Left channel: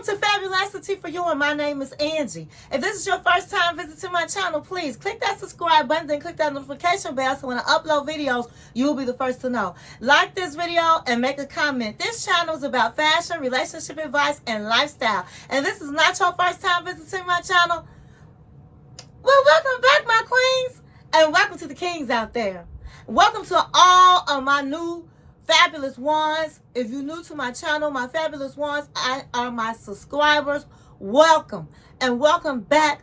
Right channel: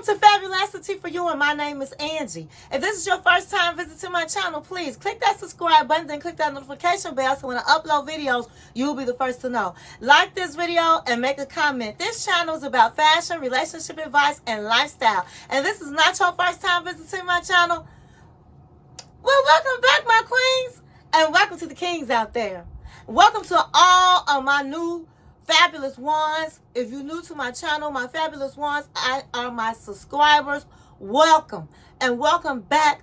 Welcome to Fabulosity For You, and my name is Angie. If this is your first time visiting my channel, please click that subscribe button, then click that notification bell so when I upload videos, you will be the first to know. Like this video and make a comment. This channel is about fashion, relationship advice, and lifestyle. And if this is not your first time visiting my channel, well, welcome back, my queens, and welcome to the kings out there. Welcome to all of my new fabulous ones. If you're new to my channel, my fabulous ones are my subscribers. Welcome, and welcome back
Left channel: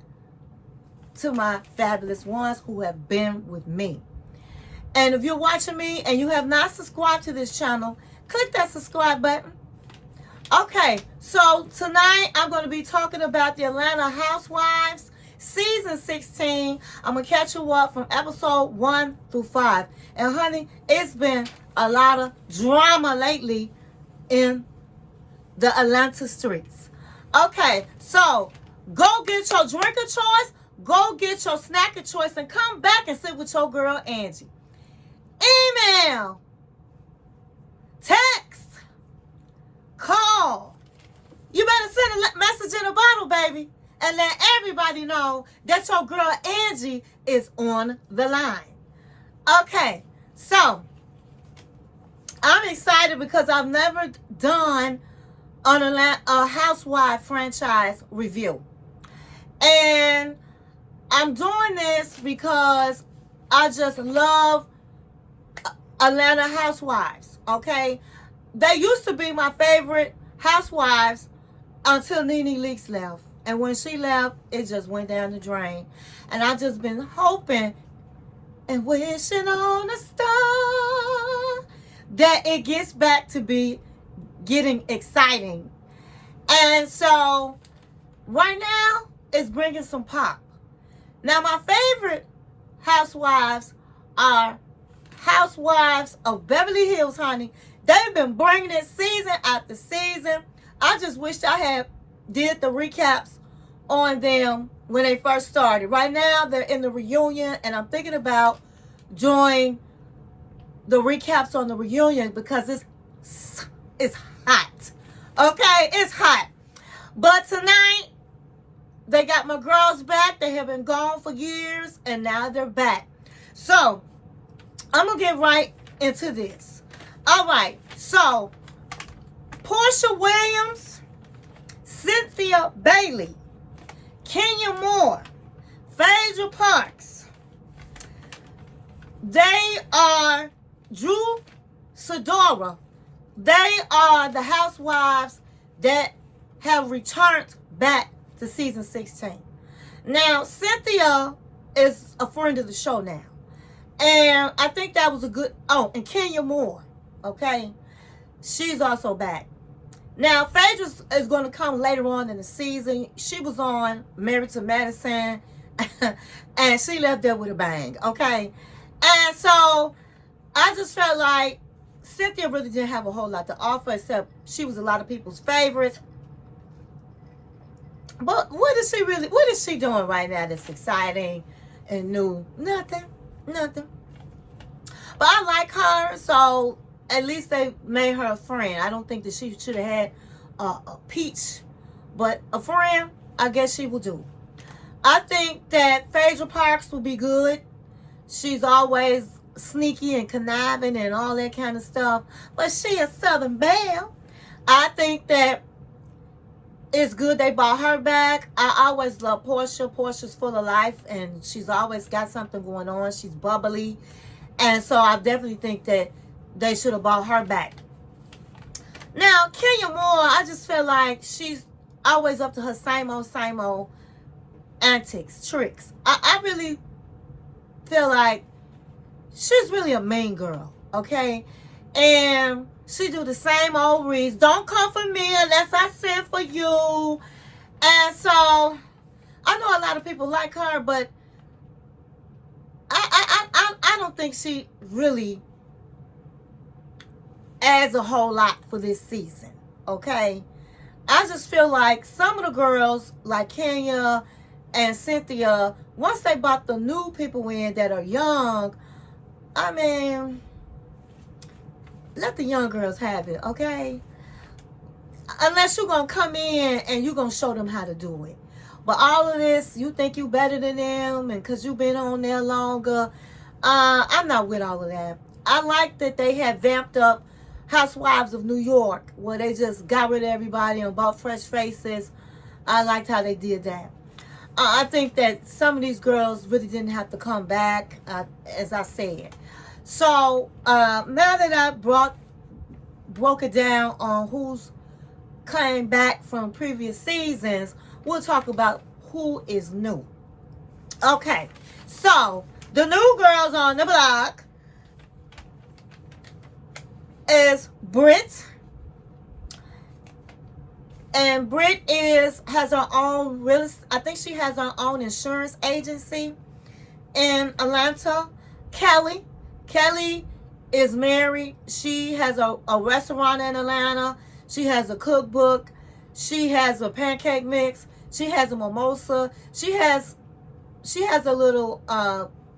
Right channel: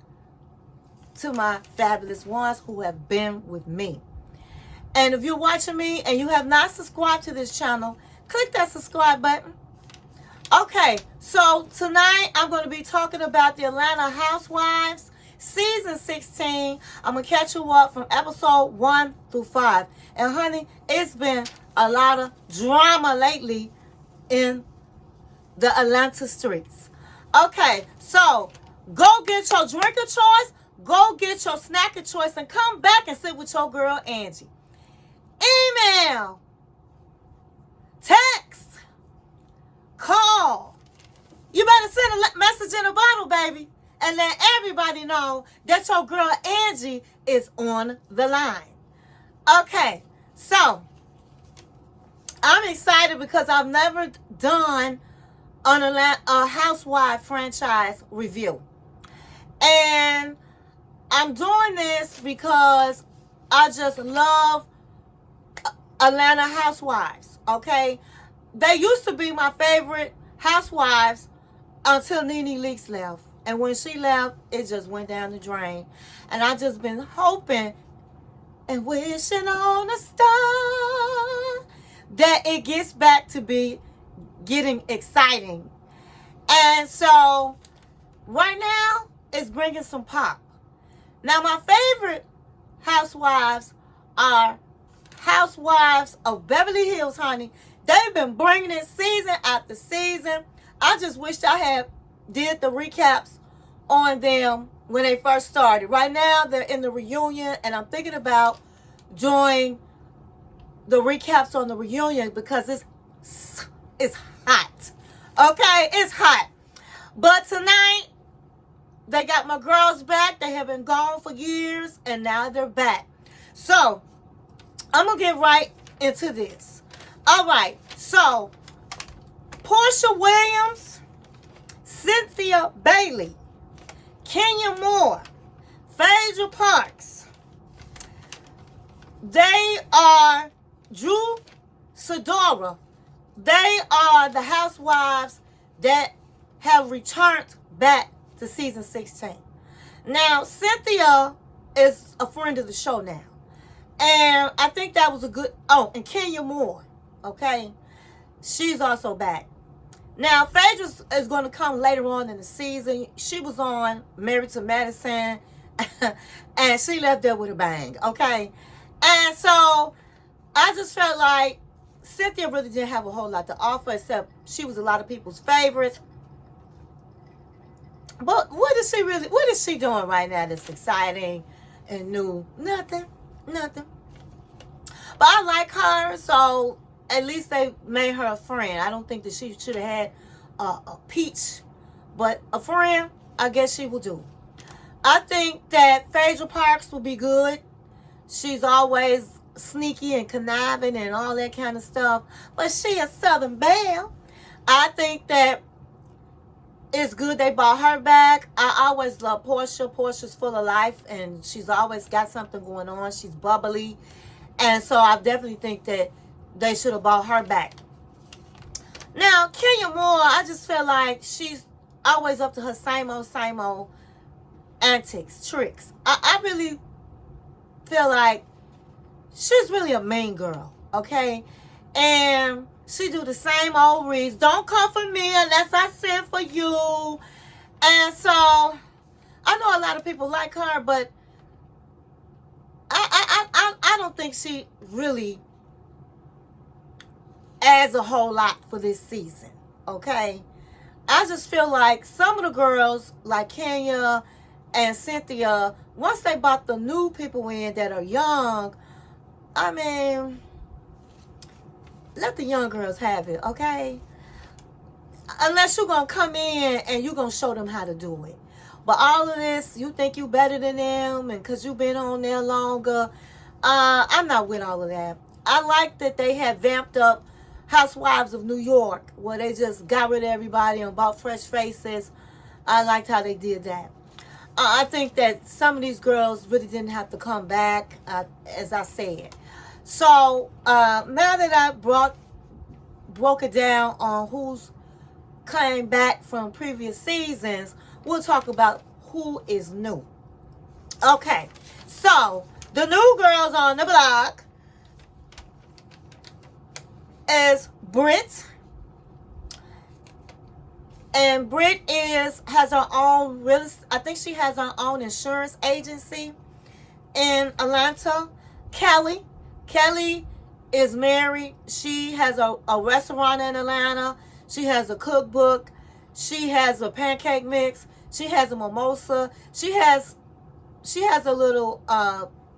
to my fabulous ones who have been with me. And if you're watching me and you have not subscribed to this channel, click that subscribe button. Okay, so tonight I'm going to be talking about the Atlanta Housewives season 16. I'm going to catch you up from episode 1 through 5. And honey, it's been a lot of drama lately in the Atlanta streets. Okay, so go get your drink of choice, go get your snack of choice, and come back and sit with your girl Angie. Email, text, call. You better send a message in a bottle, baby, and let everybody know that your girl Angie is on the line. Okay, so I'm excited because I've never done a Housewife franchise review. And I'm doing this because I just love Atlanta Housewives, okay? They used to be my favorite housewives until Nene Leakes left. And when she left, it just went down the drain. And I've just been hoping and wishing on a star that it gets back to be getting exciting. And so right now it's bringing some pop. Now my favorite housewives are Housewives of Beverly Hills, honey. They've been bringing it season after season. I just wish I had did the recaps on them when they first started. Right now they're in the reunion, and I'm thinking about doing the recaps on the reunion because it's hot. Okay, it's hot. But tonight they got my girls back. They have been gone for years, and now they're back. So I'm gonna get right into this. All right, so Porsha Williams, Cynthia Bailey, Kenya Moore, Phaedra Parks. They are Drew Sidora. They are the housewives that have returned back to season 16. Now, Cynthia is a friend of the show now. And I think that was a good... Oh, and Kenya Moore, okay? She's also back. Now, Phaedra is going to come later on in the season. She was on Married to Medicine, and she left there with a bang, okay? And so I just felt like Cynthia really didn't have a whole lot to offer, except she was a lot of people's favorites. But what is she doing right now that's exciting and new? Nothing. But I like her, so at least they made her a friend. I don't think that she should have had a peach, but a friend, I guess she will do. I think that Phaedra Parks will be good. She's always sneaky and conniving and all that kind of stuff, but she a Southern belle. I think that it's good they brought her back. I always love Porsha. Porsha's full of life, and she's always got something going on. She's bubbly, and so I definitely think that they should have brought her back. Now, Kenya Moore, I just feel like she's always up to her same old antics, tricks. I really feel like she's really a mean girl, okay? And she do the same old reads. Don't come for me unless I send for you. And so I know a lot of people like her, but I don't think she really adds a whole lot for this season, okay? I just feel like some of the girls, like Kenya and Cynthia, once they brought the new people in that are young, I mean, let the young girls have it, okay? unless you're going to come in and you're going to show them how to do it. But all of this, you think you better than them, and because you've been on there longer, I'm not with all of that. I like that they had vamped up Housewives of New York, where they just got rid of everybody and bought fresh faces. I liked how they did that. I think that some of these girls really didn't have to come back, as I said. So now that I broke it down on who's came back from previous seasons, we'll talk about who is new. Okay, so the new girls on the block is Brit. And Brit has her own I think she has her own insurance agency in Atlanta. Kelli is married. She has a restaurant in Atlanta. She has a cookbook. She has a pancake mix. She has a mimosa. She has a little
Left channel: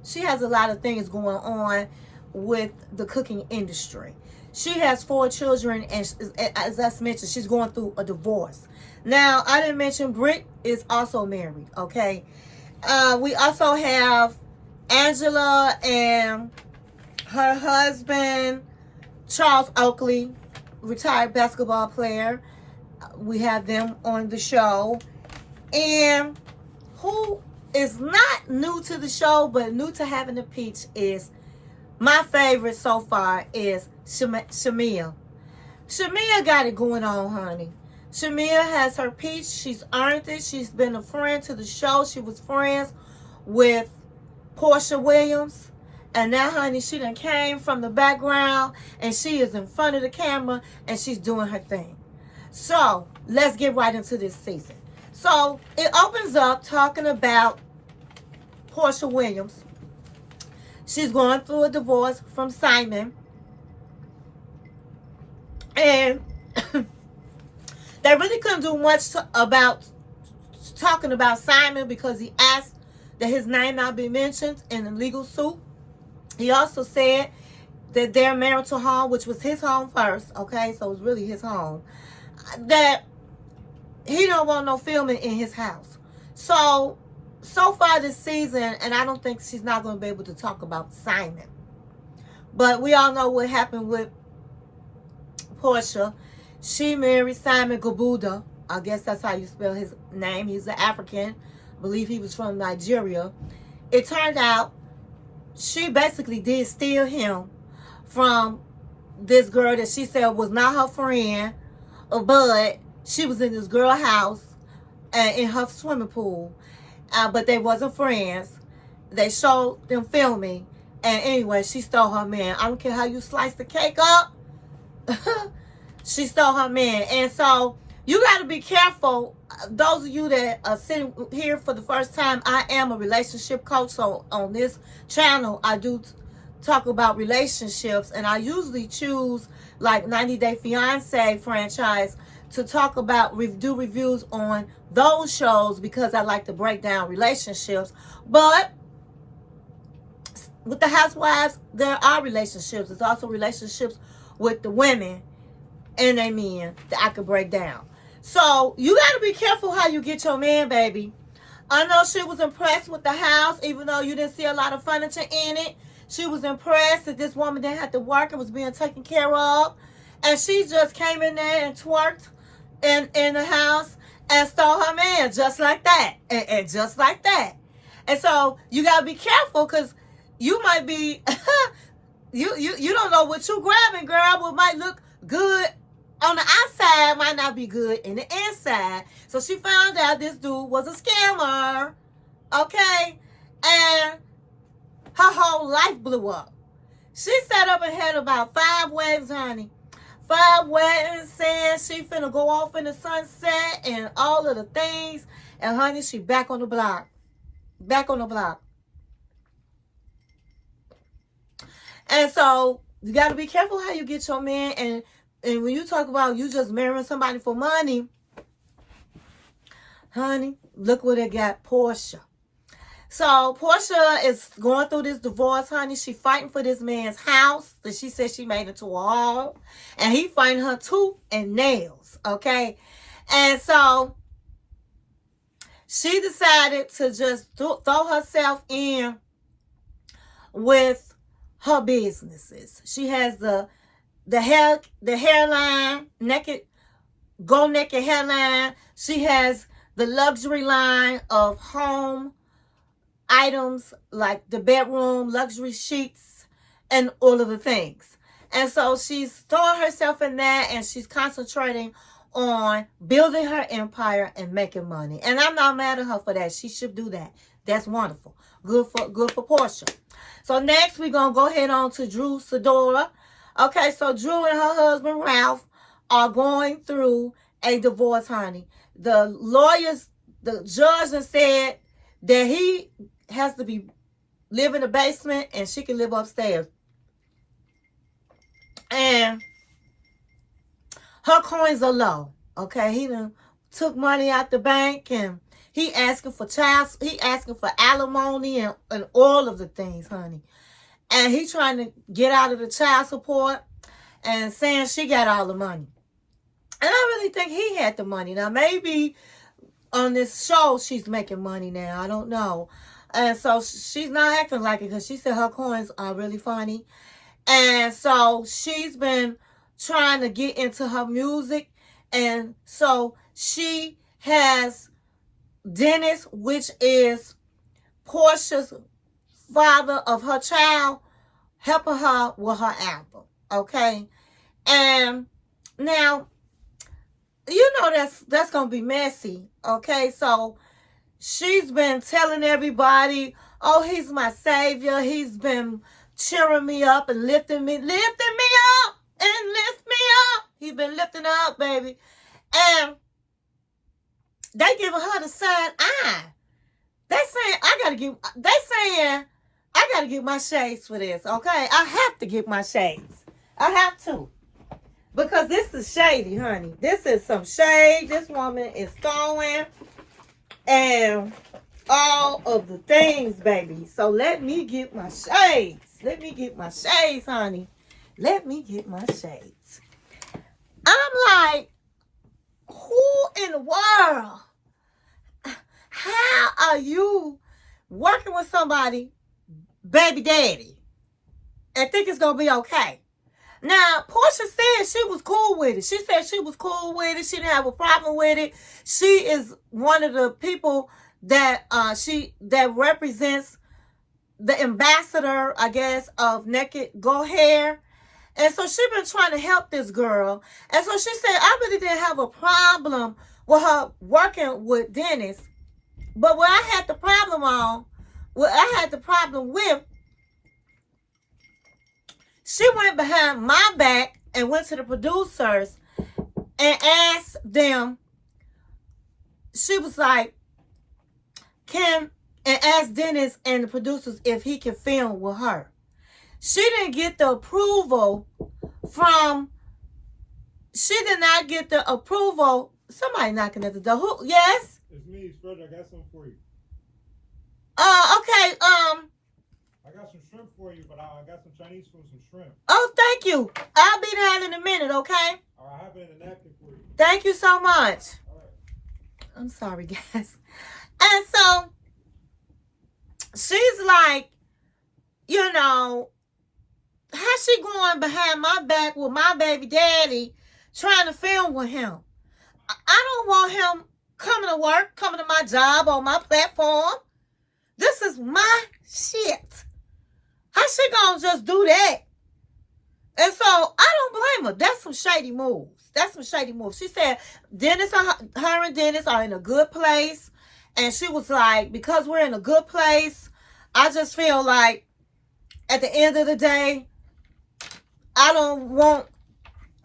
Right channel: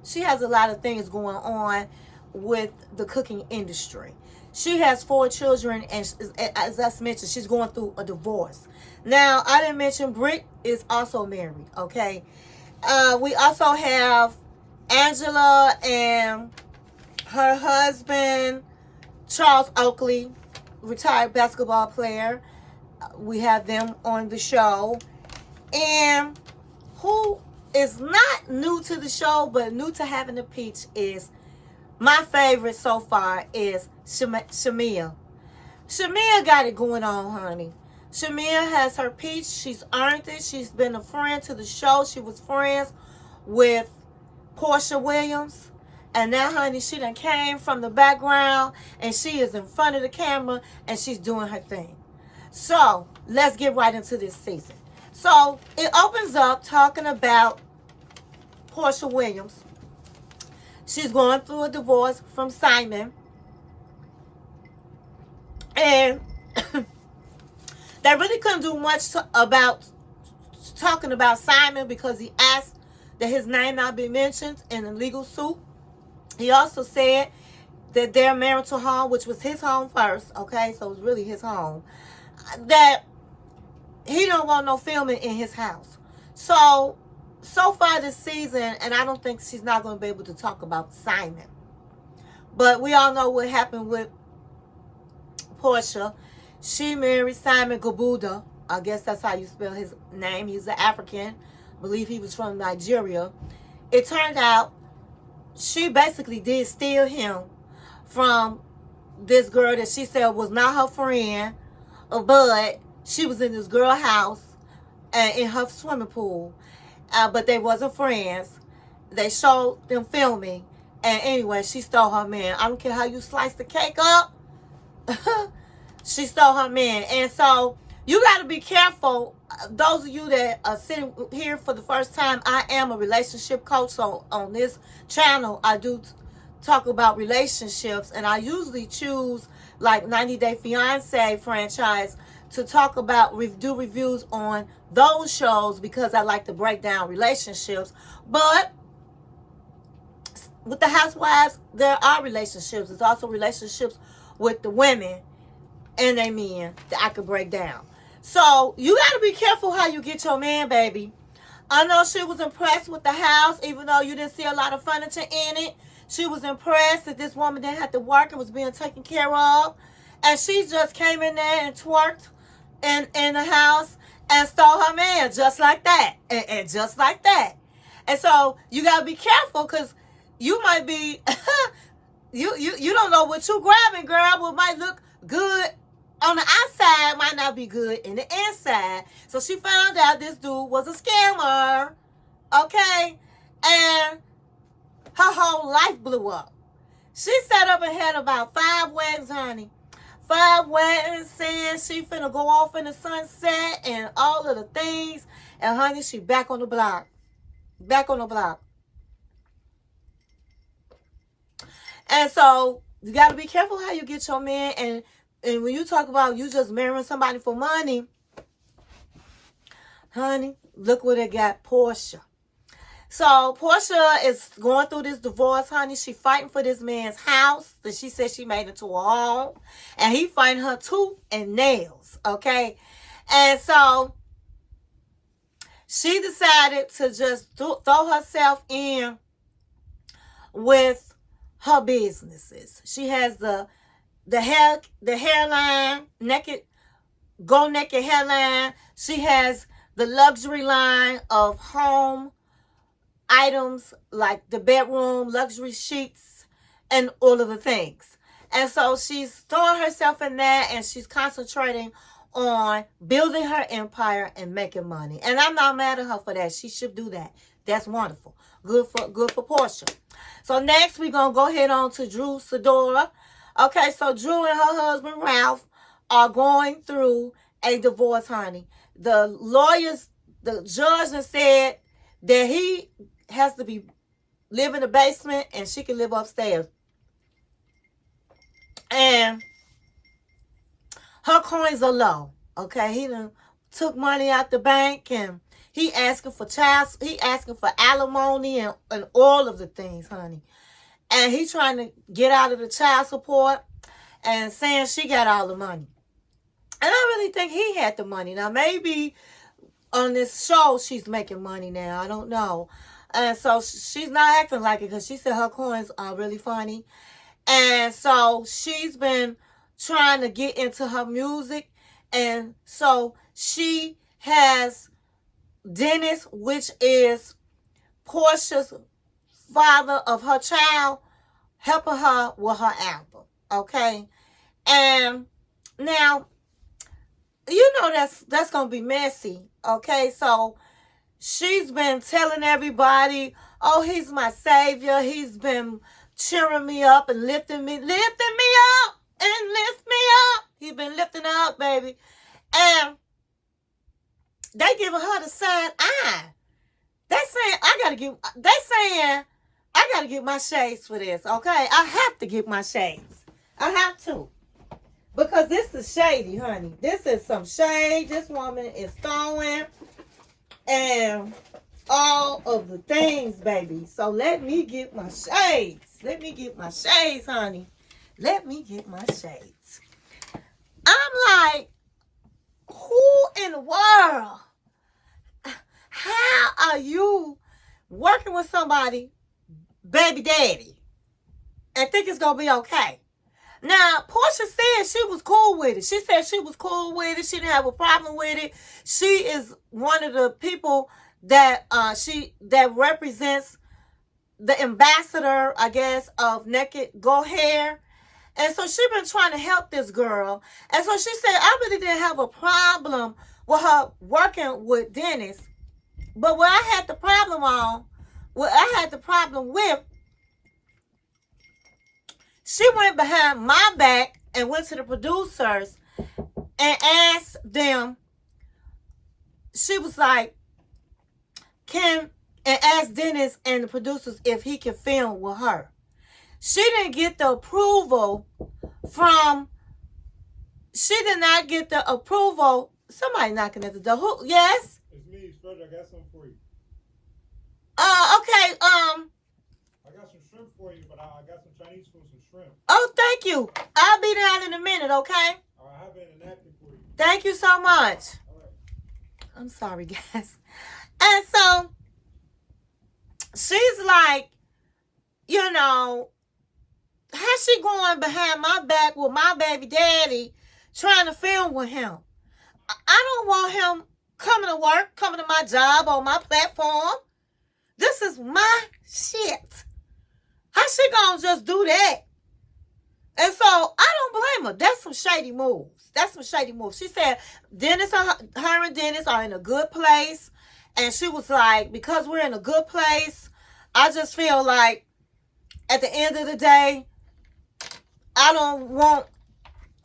she has a lot of things going on with the cooking industry. She has 4 children, and as I mentioned, she's going through a divorce. Now, I didn't mention Brit is also married, okay? We also have Angela and her husband, Charles Oakley, retired basketball player. We have them on the show. And who is not new to the show, but new to having the peach is, my favorite so far is Shamea. Shamea got it going on, honey. Shamea has her peach. She's earned it. She's been a friend to the show. She was friends with Porsha Williams. And now, honey, she done came from the background and she is in front of the camera and she's doing her thing. So, let's get right into this season. So, it opens up talking about Porsha Williams. She's going through a divorce from Simon. And they really couldn't do much about talking about Simon because he asked that his name not be mentioned in a legal suit. He also said that their marital home, which was his home first, okay, so it was really his home, that he don't want no filming in his house. So far this season, and I don't think she's not going to be able to talk about Simon. But we all know what happened with Porsha. She married Simon Gabuda. I guess that's how you spell his name. He's an African. I believe he was from Nigeria. It turned out she basically did steal him from this girl that she said was not her friend, but she was in this girl's house and in her swimming pool. But they wasn't friends. They showed them filming. And anyway, she stole her man. I don't care how you slice the cake up. She stole her man. And so you got to be careful. Those of you that are sitting here for the first time, I am a relationship coach. So on this channel, I do talk about relationships. And I usually choose like 90 Day Fiance franchise to talk about, do reviews on those shows because I like to break down relationships. But with the Housewives, there are relationships. There's also relationships with the women and their men that I could break down. So you got to be careful how you get your man, baby. I know she was impressed with the house, even though you didn't see a lot of furniture in it. She was impressed that this woman didn't have to work and was being taken care of. And she just came in there and twerked in the house and stole her man just like that. And just like that. And so you got to be careful because you might be, you don't know what you grabbing, girl. What might look good on the outside might not be good in the inside. So she found out this dude was a scammer. Okay? And her whole life blew up. She sat up and had about 5 weddings, honey. 5 weddings, saying she finna go off in the sunset and all of the things. And honey, she back on the block. Back on the block. And so you got to be careful how you get your man. And when you talk about you just marrying somebody for money, honey, look what they got, Porsha. So Porsha is going through this divorce, honey. She fighting for this man's house that she said she made into a home. And he fighting her tooth and nails. okay? And so she decided to just throw herself in with her businesses. She has the hairline, go naked hairline. She has the luxury line of home items like the bedroom, luxury sheets, and all of the things. And so she's throwing herself in that, and she's concentrating on building her empire and making money. And I'm not mad at her for that. She should do that. That's wonderful. Good for Porsha. So next we're gonna go ahead on to Drew Sidora. Okay, so Drew and her husband Ralph are going through a divorce, honey. The judge has said that he has to live in the basement and she can live upstairs. And her coins are low. Okay, he done took money out the bank, and he asking for alimony and all of the things, honey. And he trying to get out of the child support and saying she got all the money. And I really think he had the money. Now, maybe on this show she's making money now. I don't know. And so she's not acting like it because she said her coins are really funny. And so she's been trying to get into her music. And so she has Dennis, which is Porsha's father of her child, helping her with her album. Okay? And now, you know that's going to be messy. Okay? So she's been telling everybody, oh, he's my savior. He's been cheering me up and lifting me up and lift me up. He's been lifting her up, baby. And they giving her the side eye. They saying I gotta get my shades for this, okay? I have to get my shades. I have to. Because this is shady, honey. This is some shade. This woman is throwing and all of the things, baby. So let me get my shades. Let me get my shades, honey. Let me get my shades. I'm like, who in the world? How are you working with somebody, baby daddy, and think it's going to be okay? Now, Porsha said she was cool with it. She said she was cool with it. She didn't have a problem with it. She is one of the people that represents the ambassador, I guess, of Naked Go Hair. And so she been trying to help this girl. And so she said, I really didn't have a problem with her working with Dennis. But what I had the problem with, she went behind my back and went to the producers and asked them, she was like, and asked Dennis and the producers if he could film with her. She didn't get the approval she did not get the approval. Somebody knocking at the door. Who? Yes? It's me, Fred. I got something for you. Okay. I got some shrimp for you, but I got some Chinese food, some shrimp. Oh, thank you. I'll be down in a minute, okay? I have it in a napkin for you. Thank you so much. All right. I'm sorry, guys. And so, she's like, you know, how's she going behind my back with my baby daddy trying to film with him? I don't want him coming to work, coming to my job on my platform. This is my shit. How she gonna just do that? And so I don't blame her. That's some shady moves. She said Dennis, her and Dennis are in a good place. And she was like, because we're in a good place, I just feel like at the end of the day, I don't want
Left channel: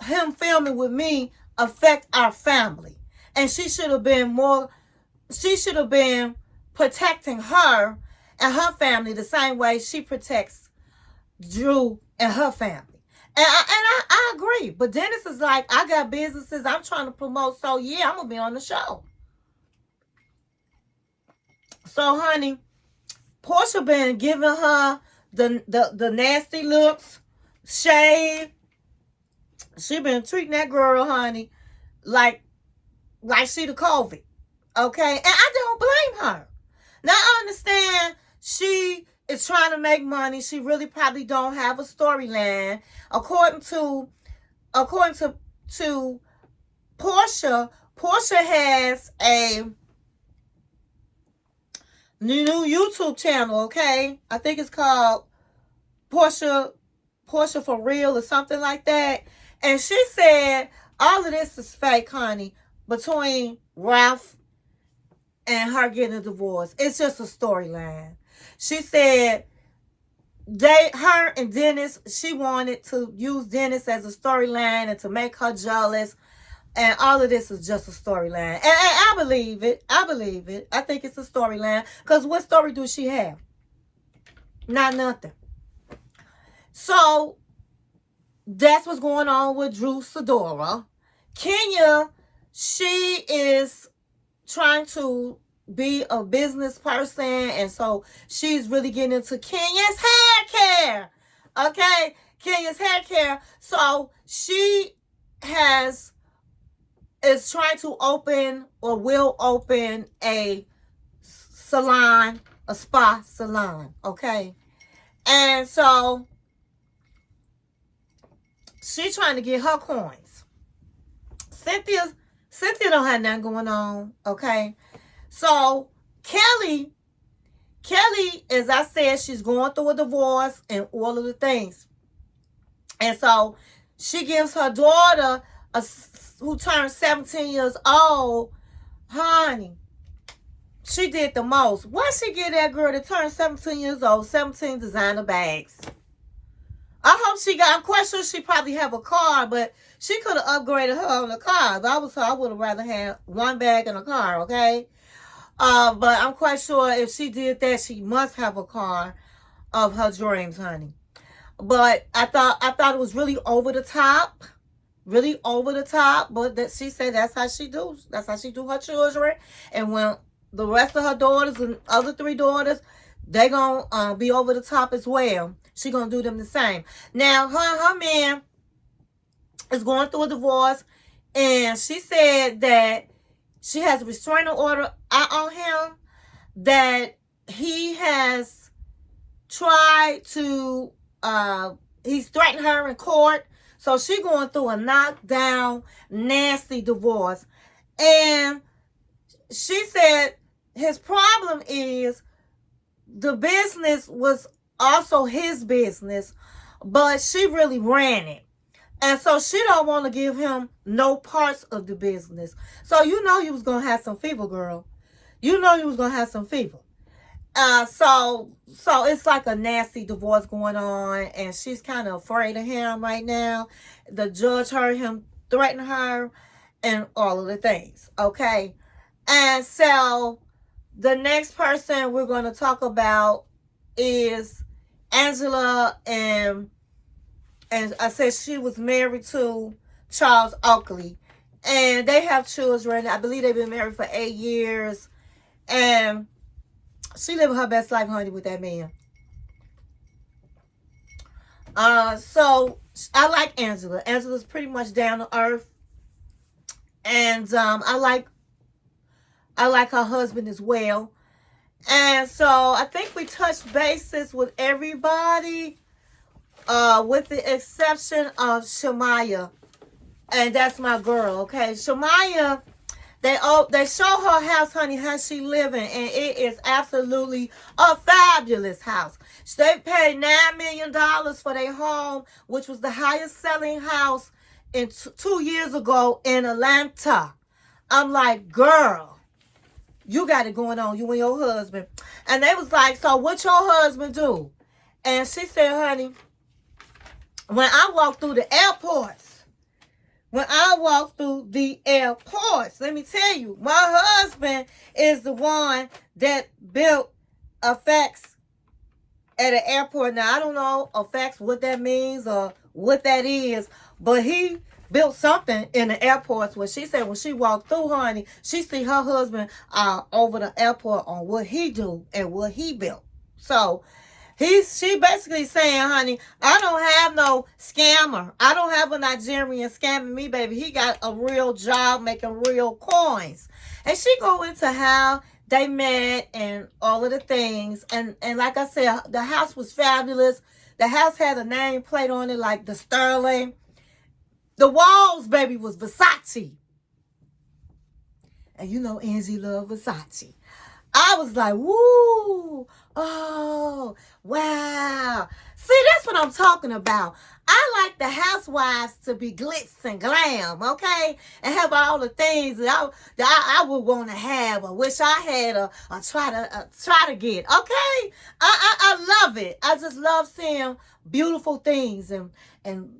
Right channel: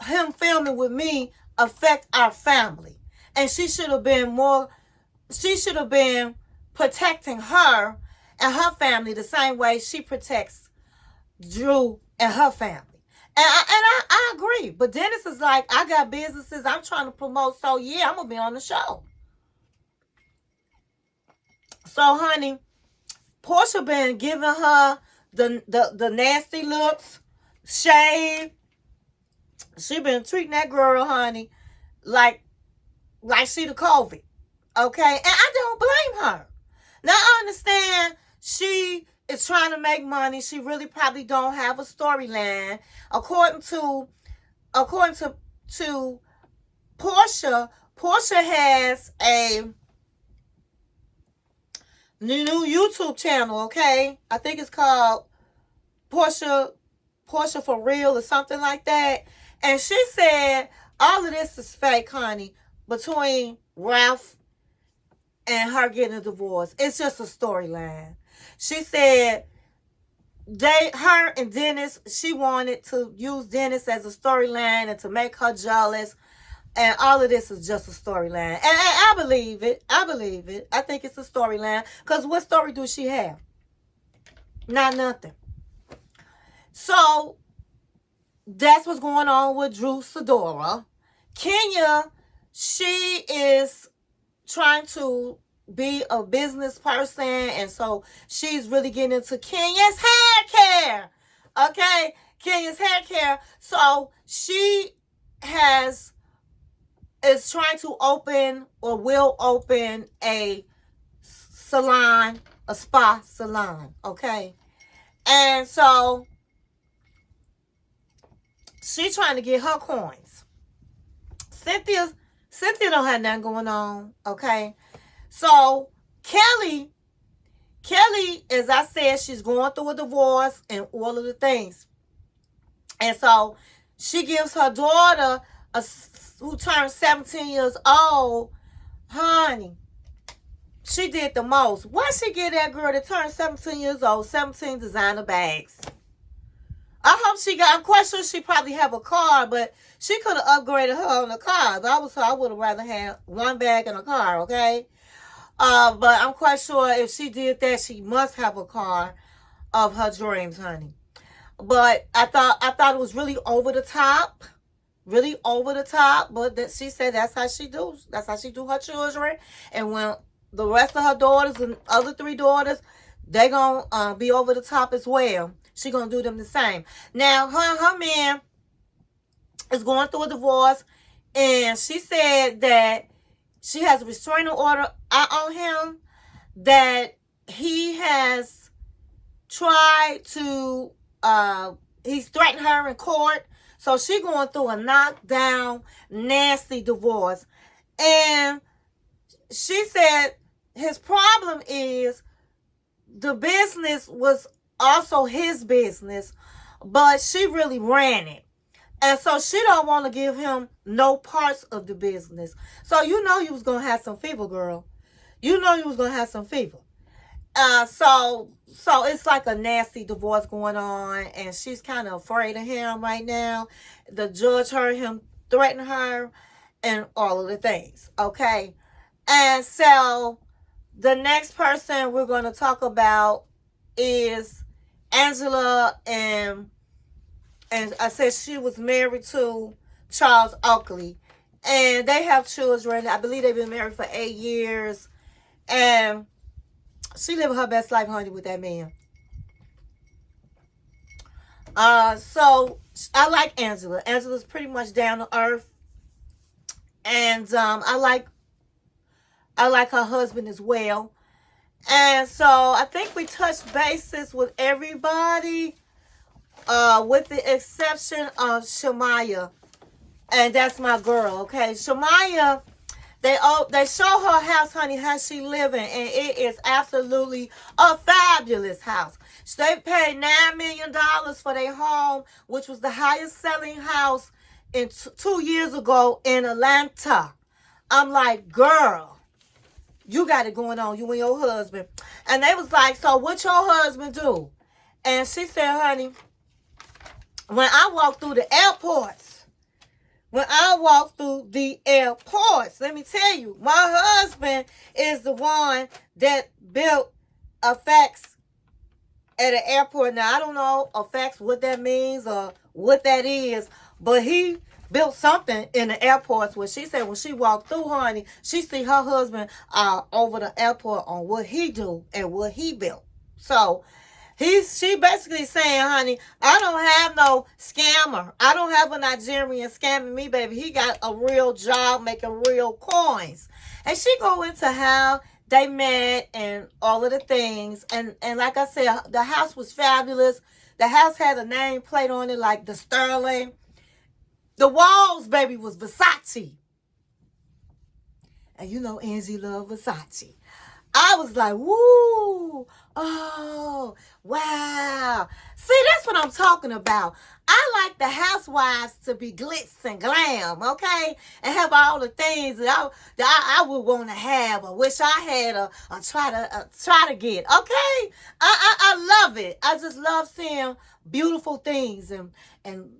him filming with me affect our family. And she should have been protecting her and her family the same way she protects Drew and her family. And I agree. But Dennis is like, I got businesses I'm trying to promote, so yeah, I'm going to be on the show. So, honey, Porsha been giving her the nasty looks, shade. She been treating that girl, honey, like she the COVID. Okay? And I don't blame her. Now, I understand she is trying to make money. She really probably don't have a storyline. According to Porsha, Porsha has a new YouTube channel, okay? I think it's called Porsha For Real or something like that. And she said all of this is fake, honey, between Ralph and her getting a divorce. It's just a storyline. She said her and Dennis, she wanted to use Dennis as a storyline and to make her jealous. And all of this is just a storyline. And I believe it. I believe it. I think it's a storyline. Because what story do she have? Not nothing. So, that's what's going on with Sidora. Kenya, she is trying to be a business person. And so, she's really getting into Kenya's hair care. Okay? Kenya's hair care. So, she is trying to open or will open a salon, a spa salon, okay? And so she's trying to get her coins. Cynthia don't have nothing going on, okay? So Kelli, as I said, she's going through a divorce and all of the things. And so she gives her daughter who turned 17 years old, honey, she did the most. Why she get that girl that turned 17 years old, 17 designer bags? I hope I'm quite sure she probably have a car, but she could have upgraded her on the car. If I was her, I would have rather had one bag in a car, okay? But I'm quite sure if she did that, she must have a car of her dreams, honey. But I thought it was really over the top. Really over the top, but that she said that's how she do her children. And when the rest of her daughters and other 3 daughters, they gonna be over the top as well. She gonna do them the same. Now her man is going through a divorce, and she said that she has a restraining order out on him, that he has tried to he's threatened her in court. So she going through a knockdown, nasty divorce. And she said his problem is the business was also his business, but she really ran it. And so she don't want to give him no parts of the business. So you know you was going to have some fever, girl. You know you was going to have some fever. So it's like a nasty divorce going on, and she's kind of afraid of him right now. The judge heard him threaten her and all of the things, okay? And so the next person we're going to talk about is Angela, and I said she was married to Charles Oakley, and they have children. I believe they've been married for 8 years, and she living her best life, honey, with that man. So I like Angela. Angela's pretty much down to earth, and I like her husband as well. And so I think we touched bases with everybody, with the exception of Shamea, and that's my girl. Okay, Shamea. They show her house, honey, how she living, and it is absolutely a fabulous house. They paid $9 million for their home, which was the highest selling house in 2 years ago in Atlanta. I'm like, girl, you got it going on, you and your husband. And they was like, so what your husband do? And she said, honey, when I walk through the airports, let me tell you, my husband is the one that built a fax at an airport. Now, I don't know a fax, what that means or what that is, but he built something in the airports where she said when she walked through, honey, she see her husband over the airport on what he do and what he built. So, She basically saying, honey, I don't have no scammer. I don't have a Nigerian scamming me, baby. He got a real job making real coins. And she go into how they met and all of the things. And like I said, the house was fabulous. The house had a nameplate on it like the Sterling. The walls, baby, was Versace. And you know Angie loved Versace. I was like, woo, oh, wow. See, that's what I'm talking about. I like the housewives to be glitz and glam, okay? And have all the things that I would want to have or wish I had or try to get, okay? I love it. I just love seeing beautiful things and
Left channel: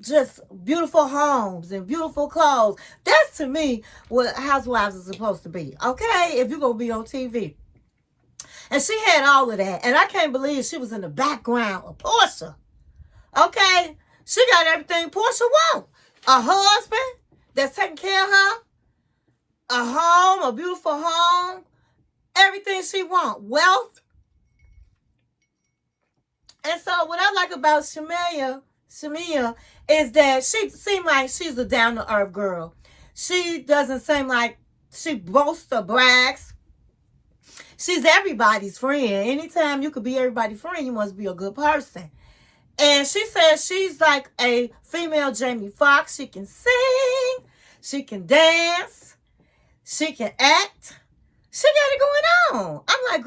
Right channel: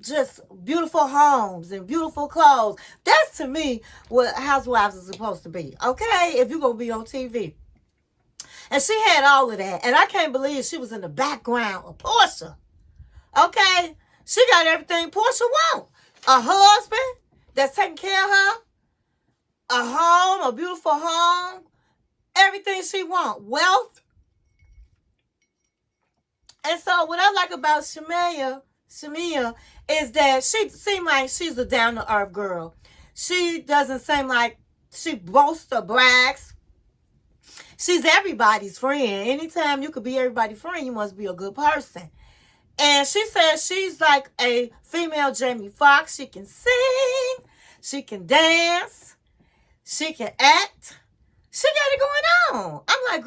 just beautiful homes and beautiful clothes. That's, to me, what housewives are supposed to be, okay? If you're going to be on TV. And she had all of that. And I can't believe she was in the background of Porsha. Okay? She got everything Porsha wants. A husband that's taking care of her. A home, a beautiful home. Everything she wants. Wealth. And so what I like about Shamea is that she seems like she's a down-to-earth girl. She doesn't seem like she boasts or brags. She's everybody's friend. Anytime you could be everybody's friend, you must be a good person. And she says she's like a female Jamie Foxx. She can sing. She can dance. She can act. She got it going on. I'm like,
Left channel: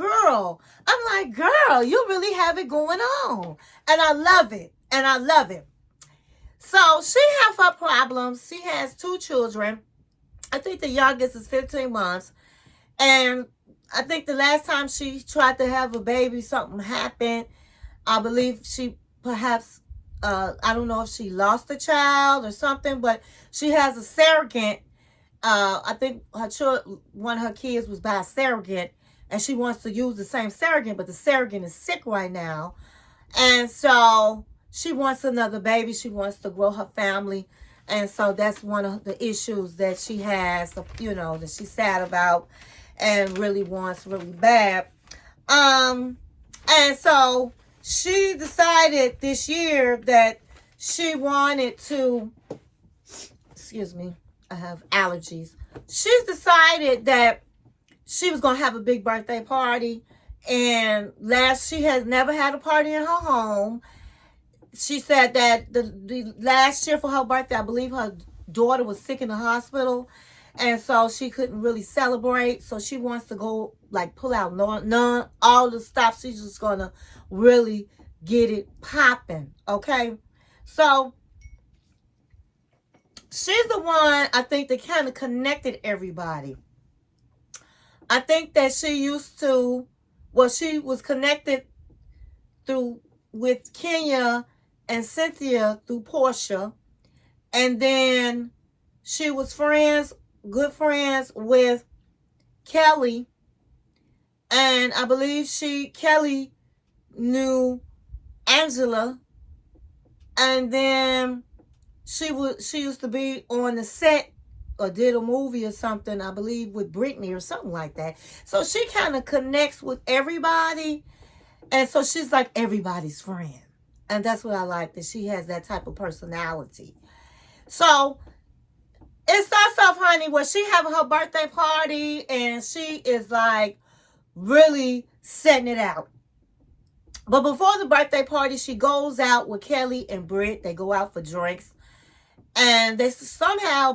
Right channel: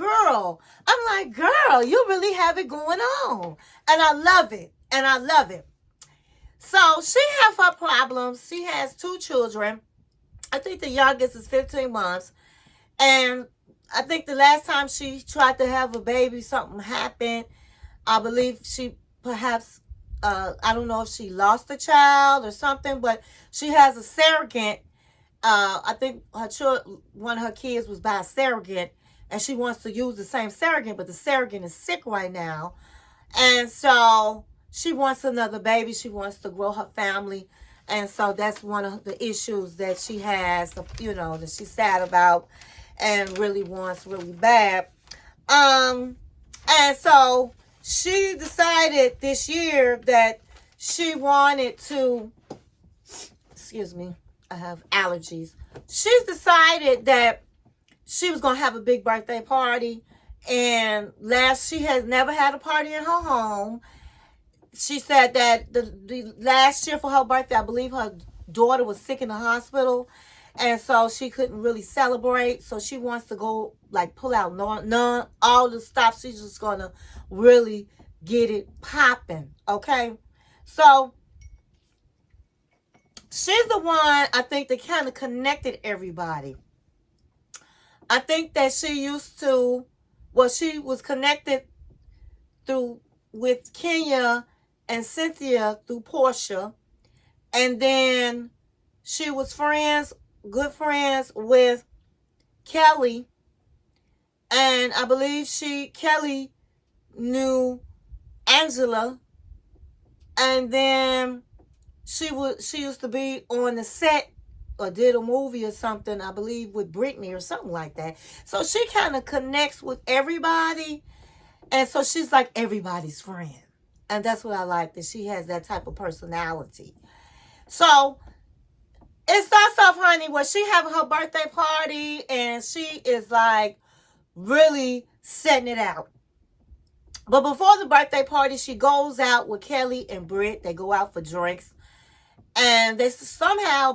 girl, you really have it going on. And I love it. And I love it. So she has her problems. She has 2 children. I think the youngest is 15 months. And I think the last time she tried to have a baby, something happened. I believe she perhaps, I don't know if she lost a child or something, but she has a surrogate. I think one of her kids was by a surrogate, and she wants to use the same surrogate, but the surrogate is sick right now. And so she wants another baby. She wants to grow her family. And so that's one of the issues that she has, you know, that she's sad about and really wants really bad. And so she decided this year that she wanted to, excuse me, I have allergies. She's decided that she was going to have a big birthday party. And she has never had a party in her home. She said that the last year for her birthday, I believe her daughter was sick in the hospital. And so she couldn't really celebrate. So she wants to go, like, pull out none, all the stuff. She's just going to really get it popping, okay? So she's the one, I think, that kind of connected everybody. I think that she was connected with Kenya and Cynthia through Porsha. And then she was good friends with Kelli. And I believe Kelli knew Angela. And then she used to be on the set or did a movie or something, I believe, with Brittany or something like that. So she kind of connects with everybody. And so she's like everybody's friend. And that's what I like, that she has that type of personality. So it starts off, honey, where she having her birthday party and she is like really setting it out. But before the birthday party, she goes out with Kelli and Brit. They go out for drinks. And they somehow,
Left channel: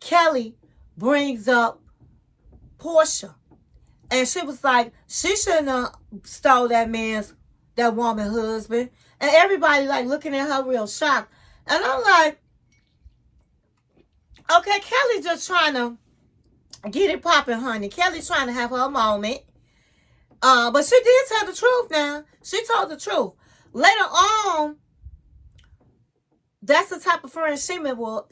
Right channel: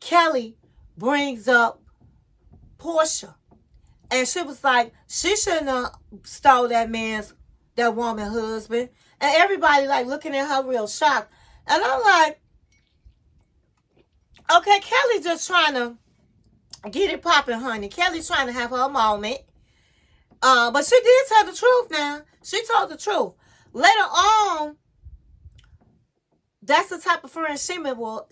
Kelli brings up Porsha. And she was like, she shouldn't have stole that woman's husband. And everybody like looking at her real shocked. And I'm like, okay, Kelli just trying to get it popping, honey. Kelly's trying to have her moment. But she did tell the truth now. She told the truth. Later on, that's the type of friend Shamea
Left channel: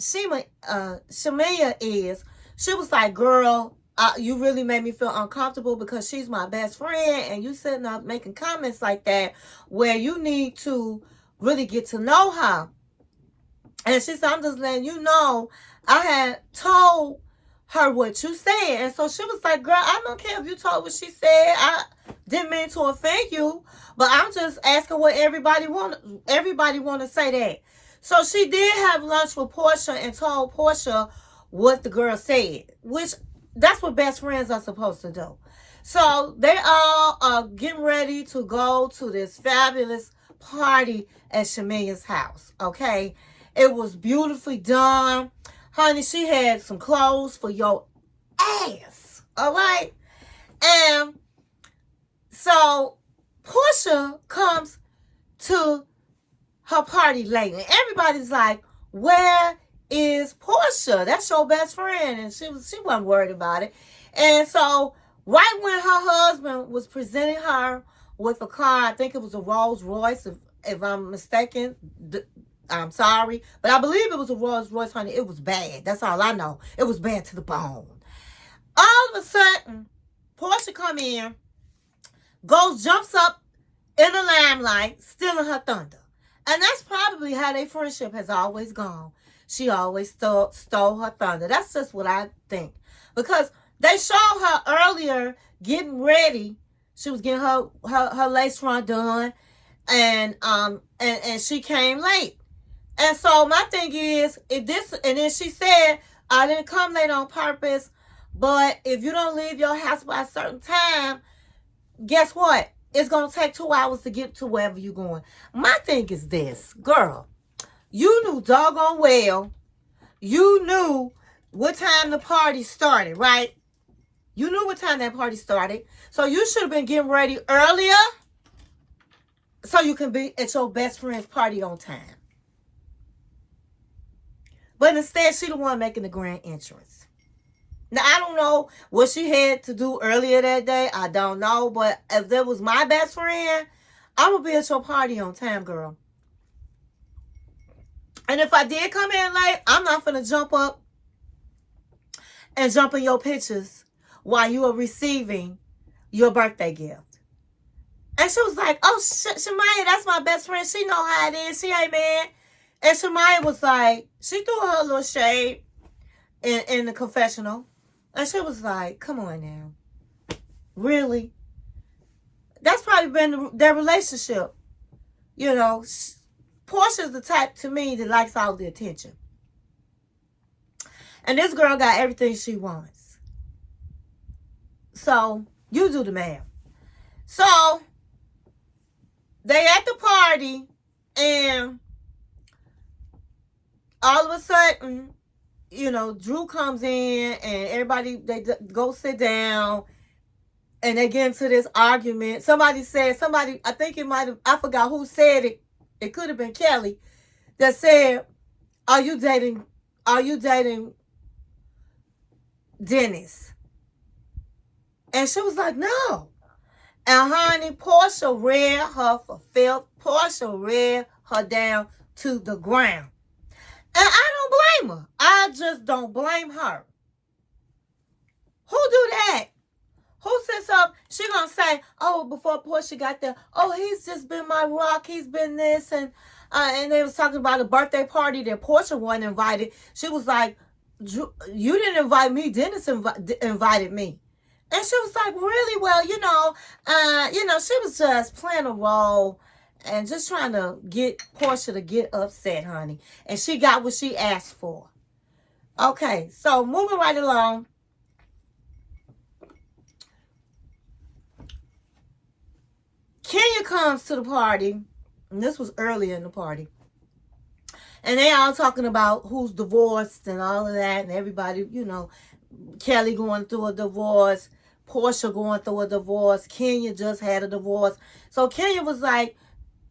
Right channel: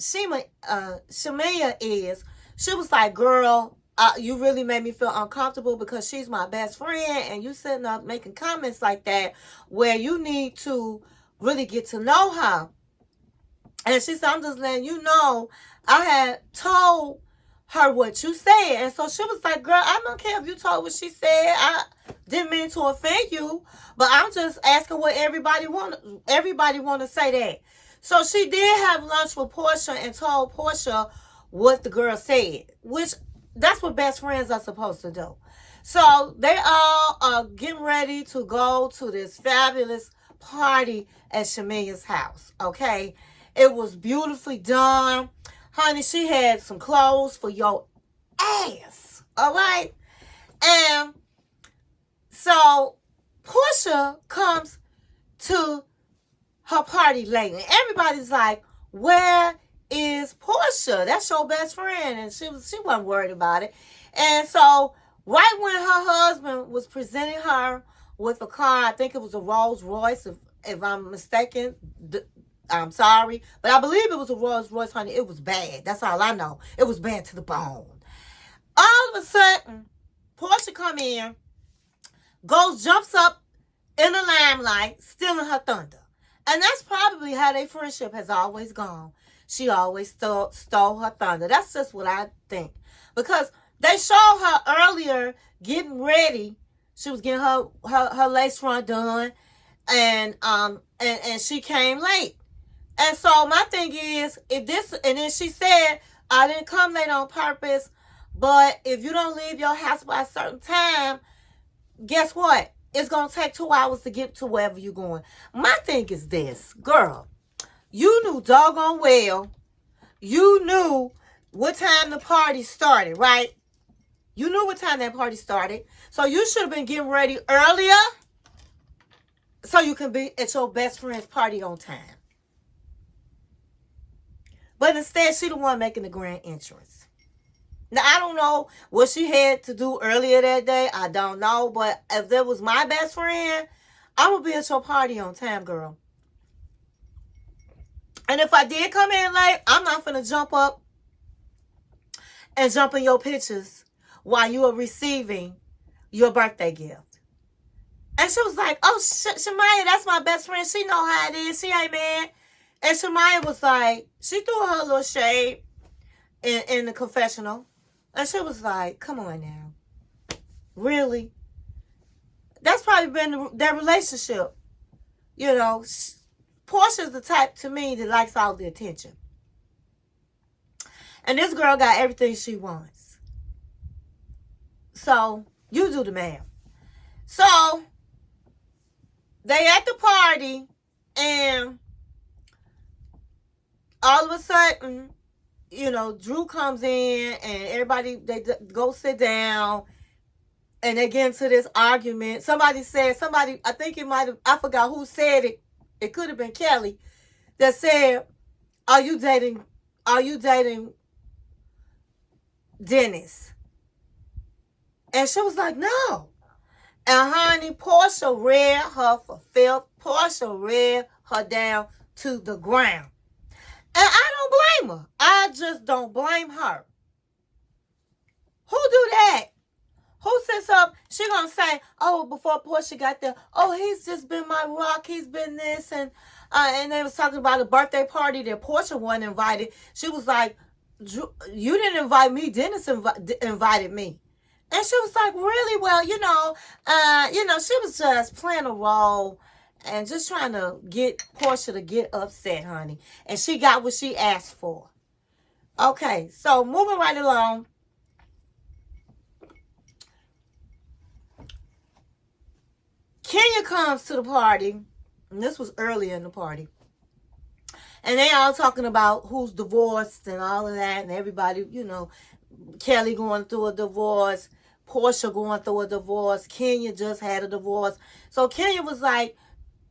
is. She was like, girl, you really made me feel uncomfortable because she's my best friend and you sitting up making comments like that where you need to really get to know her. And she said, I'm just letting you know, I had told heard what you said. And so she was like, girl, I don't care if you told what she said. I didn't mean to offend you, but I'm just asking what everybody want to say that. So she did have lunch with Porsha and told Porsha what the girl said, which that's what best friends are supposed to do. So they all are getting ready to go to this fabulous party at Shamea's house, okay? It was beautifully done. Honey, she had some clothes for your ass, all right? And so Porsha comes to her party late, and everybody's like, where is Porsha? That's your best friend. And she wasn't worried about it. And so right when her husband was presenting her with a car, I think it was a Rolls Royce, if I'm mistaken, I'm sorry, but I believe it was a Rolls Royce, honey. It was bad. That's all I know. It was bad to the bone. All of a sudden, Porsha come in, jumps up in the limelight, stealing her thunder. And that's probably how their friendship has always gone. She always stole her thunder. That's just what I think. Because they showed her earlier getting ready. She was getting her lace front done. And she came late. And so my thing is, and then she said, I didn't come late on purpose, but if you don't leave your house by a certain time, guess what? It's going to take 2 hours to get to wherever you're going. My thing is this, girl, you knew doggone well, you knew what time the party started, right? You knew what time that party started. So you should have been getting ready earlier so you can be at your best friend's party on time. But instead, she the one making the grand entrance. Now, I don't know what she had to do earlier that day. I don't know. But if that was my best friend, I would be at your party on time, girl. And if I did come in late, I'm not going to jump up and jump in your pictures while you are receiving your birthday gift. And she was like, oh, Shamea, that's my best friend. She know how it is. She ain't mad. And Shamea was like, she threw her little shade in the confessional. And she was like, come on now. Really? That's probably been their relationship. You know, Porsha's the type to me that likes all the attention. And this girl got everything she wants. So, you do the math. So, they at the party, and all of a sudden, you know, Drew comes in, and everybody, they go sit down, and they get into this argument. Somebody, I think it might have, I forgot who said it. It could have been Kelli that said, are you dating Dennis? And she was like, no. And honey, Porsha read her for filth. Porsha read her down to the ground. And I don't blame her. I just don't blame her. Who do that? Who sits up? She gonna say, oh, before Porsha got there, oh, he's just been my rock. He's been this. And they was talking about a birthday party that Porsha wasn't invited. She was like, you didn't invite me. Dennis invited me. And she was like, really? Well, you know, she was just playing a role and just trying to get Porsha to get upset, honey. And she got what she asked for. Okay, so moving right along. Kenya comes to the party, and this was earlier in the party. And they all talking about who's divorced and all of that, and everybody, you know, Kelli going through a divorce, Porsha going through a divorce, Kenya just had a divorce. So Kenya was like,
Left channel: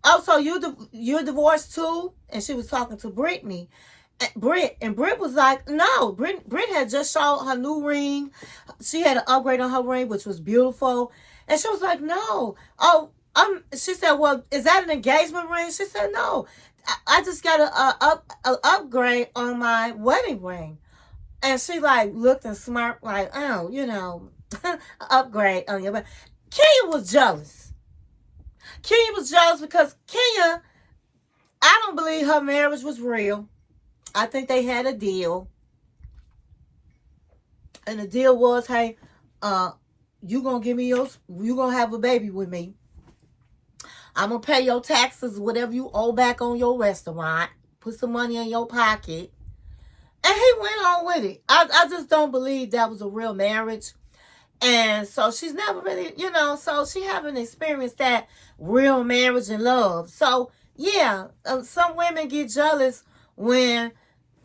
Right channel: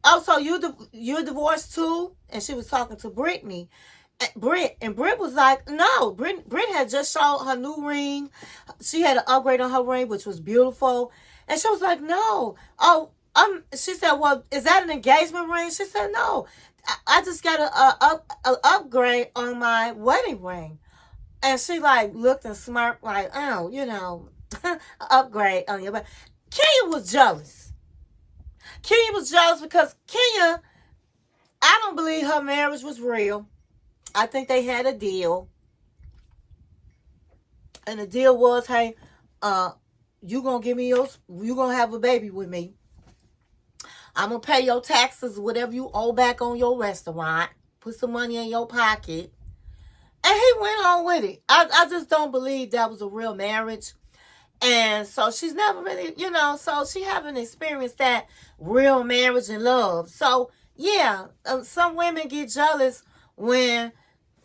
oh, so you're divorced too? And she was talking to Brittany. Brit was like, no, Brit had just showed her new ring. She had an upgrade on her ring, which was beautiful. And she was like, no. Oh, she said, well, is that an engagement ring? She said, no. I just got an upgrade on my wedding ring. And she like looked and smirked like, oh, you know, upgrade on your wedding. Kenya was jealous. Kenya was jealous because Kenya, I don't believe her marriage was real. I think they had a deal. And the deal was, hey, you gonna have a baby with me. I'm gonna pay your taxes, whatever you owe back on your restaurant. Put some money in your pocket. And he went on with it. I just don't believe that was a real marriage. And so she's never really, so she haven't experienced that real marriage and love. So, yeah, some women get jealous when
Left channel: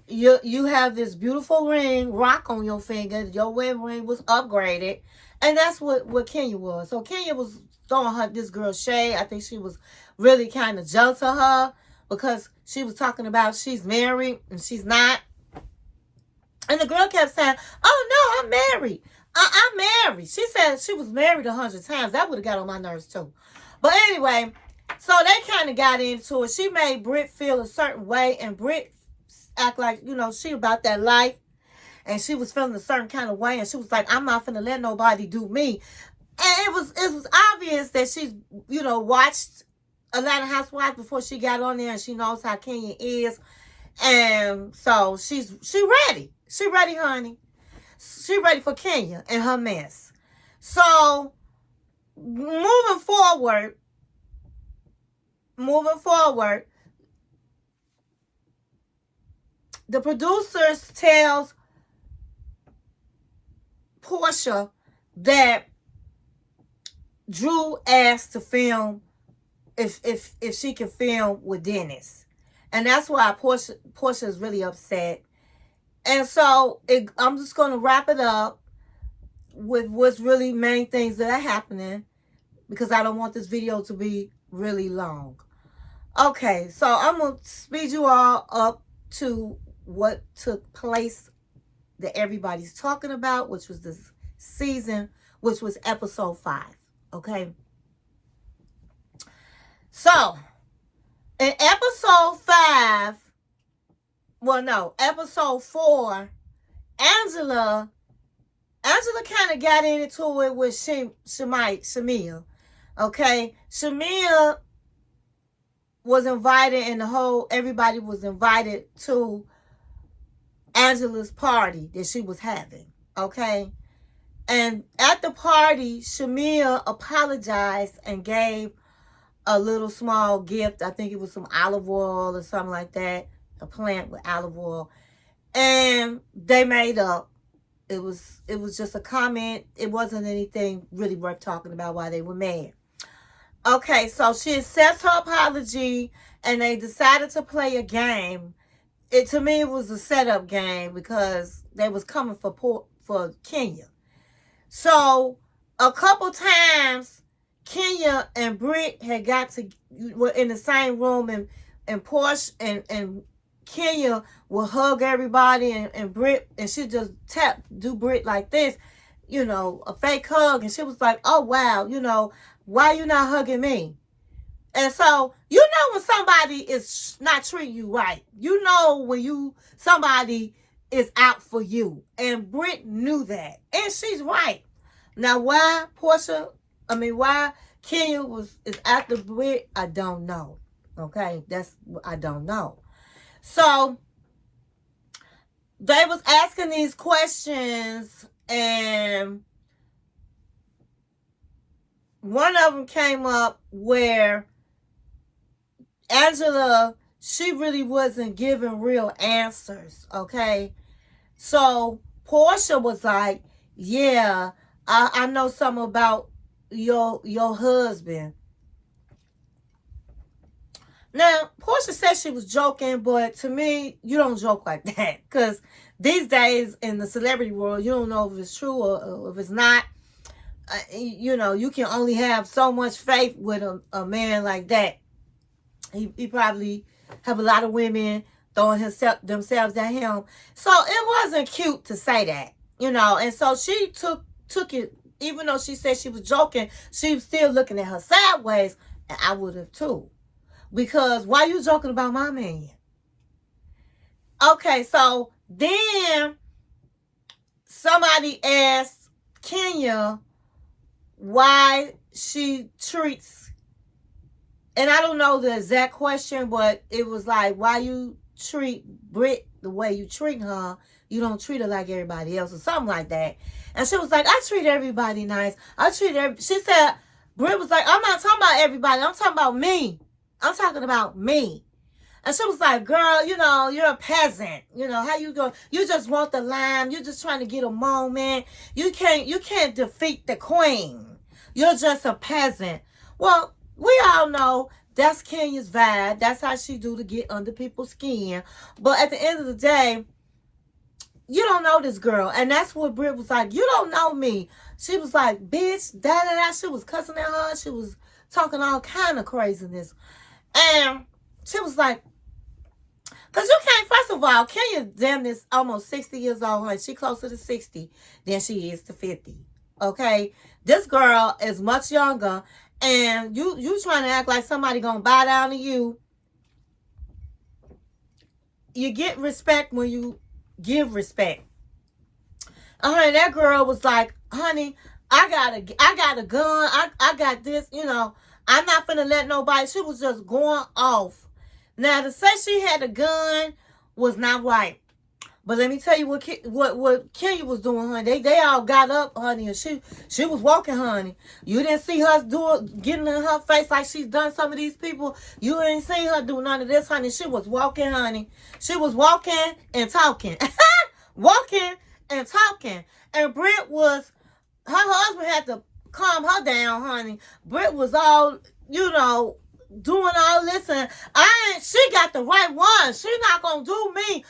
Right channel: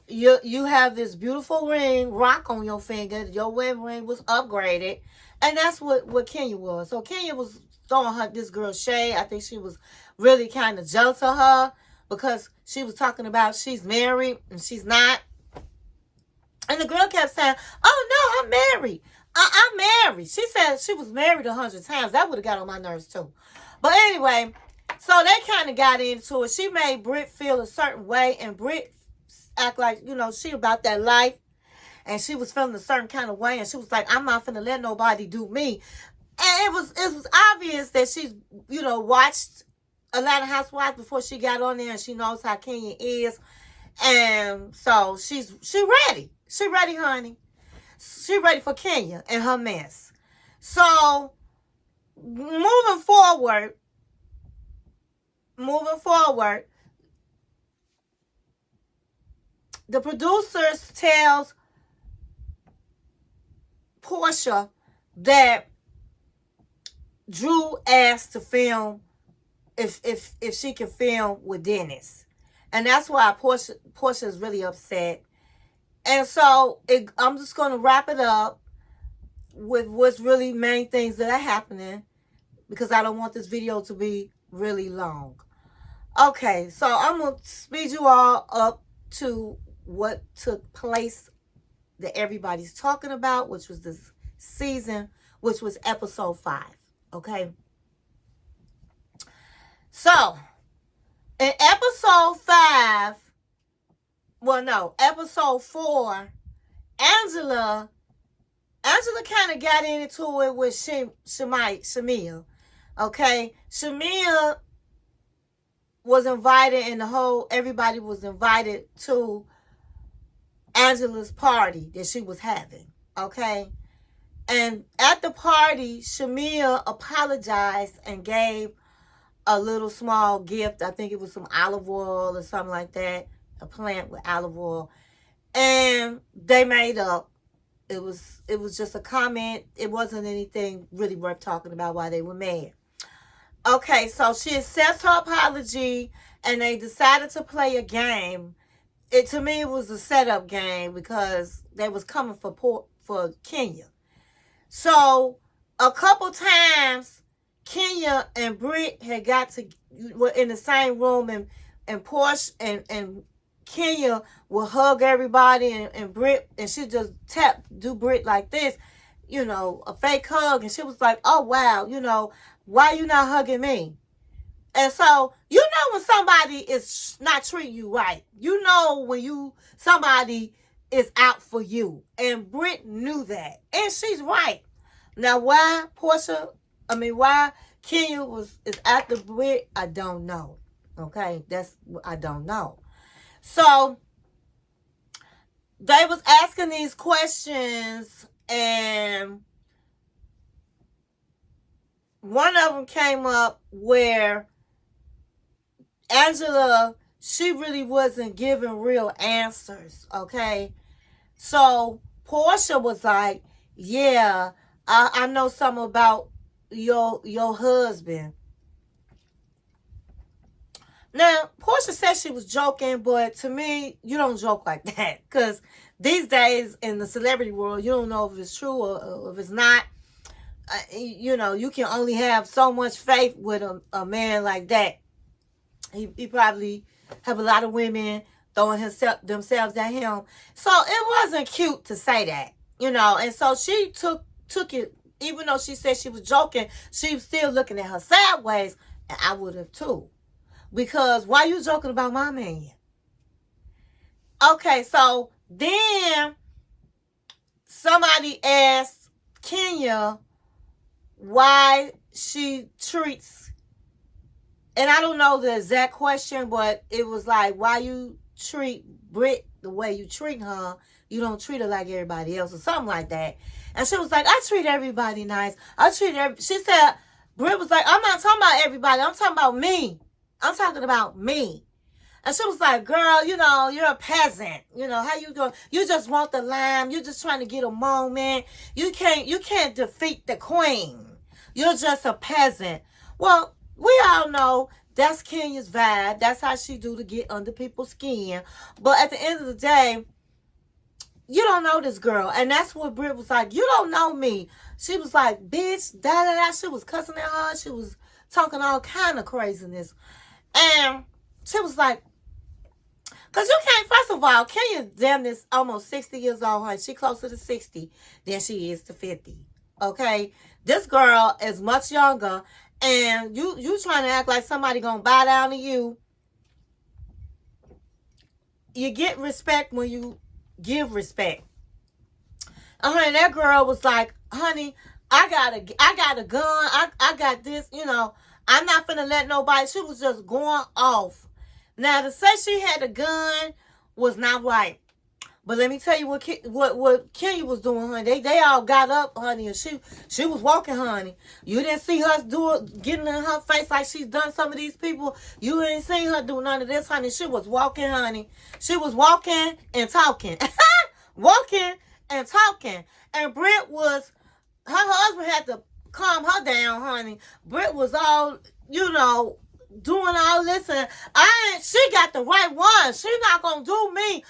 you have this beautiful ring, rock on your finger. Your wedding ring was upgraded. And that's what Kenya was. So Kenya was throwing this girl shade. I think she was really kind of jealous of her because she was talking about she's married and she's not. And the girl kept saying, oh, no, I'm married. I'm married. She said she was married 100 times. That would have got on my nerves, too. But anyway, so they kind of got into it. She made Brit feel a certain way. And Brit act like, she about that life. And she was feeling a certain kind of way. And she was like, I'm not finna let nobody do me. And it was obvious that she's, watched a lot of Housewives before she got on there. And she knows how Kenya is. And so she ready. She ready, honey. She ready for Kenya and her mess. So, moving forward, the producers tells Porsha that Drew asked to film if she could film with Dennis. And that's why Porsha is really upset. And so I'm just going to wrap it up with what's really main things that are happening because I don't want this video to be really long. Okay, so I'm going to speed you all up to what took place that everybody's talking about, which was this season, which was episode 5. Okay? So, in episode 4, Angela kind of got into it with Shamea. Okay? Shamea was invited and everybody was invited to Angela's party that she was having. Okay? And at the party, Shamea apologized and gave a little small gift. I think it was some olive oil or something like that. A plant with olive oil. And they made up. It was just a comment. It wasn't anything really worth talking about why they were mad. Okay, so she accepts her apology and they decided to play a game. To me, it was a setup game because they was coming for Kenya. So a couple times Kenya and Brit were in the same room and Porsha and Kenya will hug everybody and Brit, and she just do Brit like this, a fake hug. And she was like, oh, wow, why you not hugging me? And so, when somebody is not treating you right, when somebody is out for you. And Brit knew that. And she's right. Now, why Kenya is after Brit, I don't know. Okay? I don't know. So, they was asking these questions, and one of them came up where Angela, she really wasn't giving real answers, okay? So, Porsha was like, yeah, I know something about your husband. Now, Porsha said she was joking, but to me, you don't joke like that. Because these days in the celebrity world, you don't know if it's true or if it's not. You can only have so much faith with a man like that. He probably have a lot of women throwing themselves at him. So it wasn't cute to say that, And so she took it, even though she said she was joking, she was still looking at her sideways, and I would have too. Because why you joking about my man? Okay, so then somebody asked Kenya why she treats, and I don't know the exact question, but it was like, why you treat Brit the way you treat her, you don't treat her like everybody else or something like that. And she was like, I treat everybody nice. She said, Brit was like, I'm not talking about everybody. I'm talking about me. I'm talking about me. And she was like, girl, you know, you're a peasant. You know, how you go? You just want the lime. You're just trying to get a moment. You can't defeat the queen. You're just a peasant. Well, we all know that's Kenya's vibe. That's how she do to get under people's skin. But at the end of the day, you don't know this girl. And that's what Brit was like, you don't know me. She was like, bitch, da-da-da. She was cussing at her. She was talking all kind of craziness. And she was like, because you can't, first of all, Kenya damn this almost 60 years old, honey. She closer to 60 than she is to 50. Okay? This girl is much younger, and you trying to act like somebody gonna bow down to you. You get respect when you give respect. Honey, that girl was like, honey, I got a gun. I got this, you know. I'm not finna let nobody. She was just going off. Now, to say she had a gun was not right. But let me tell you what Kenya was doing, honey. They all got up, honey, and she was walking, honey. You didn't see her getting in her face like she's done some of these people. You ain't seen her do none of this, honey. She was walking, honey. She was walking and talking. Walking and talking. And Brit was, her husband had to calm her down, honey. Brit was all, you know, doing all this, and she got the right one. She not gonna do me.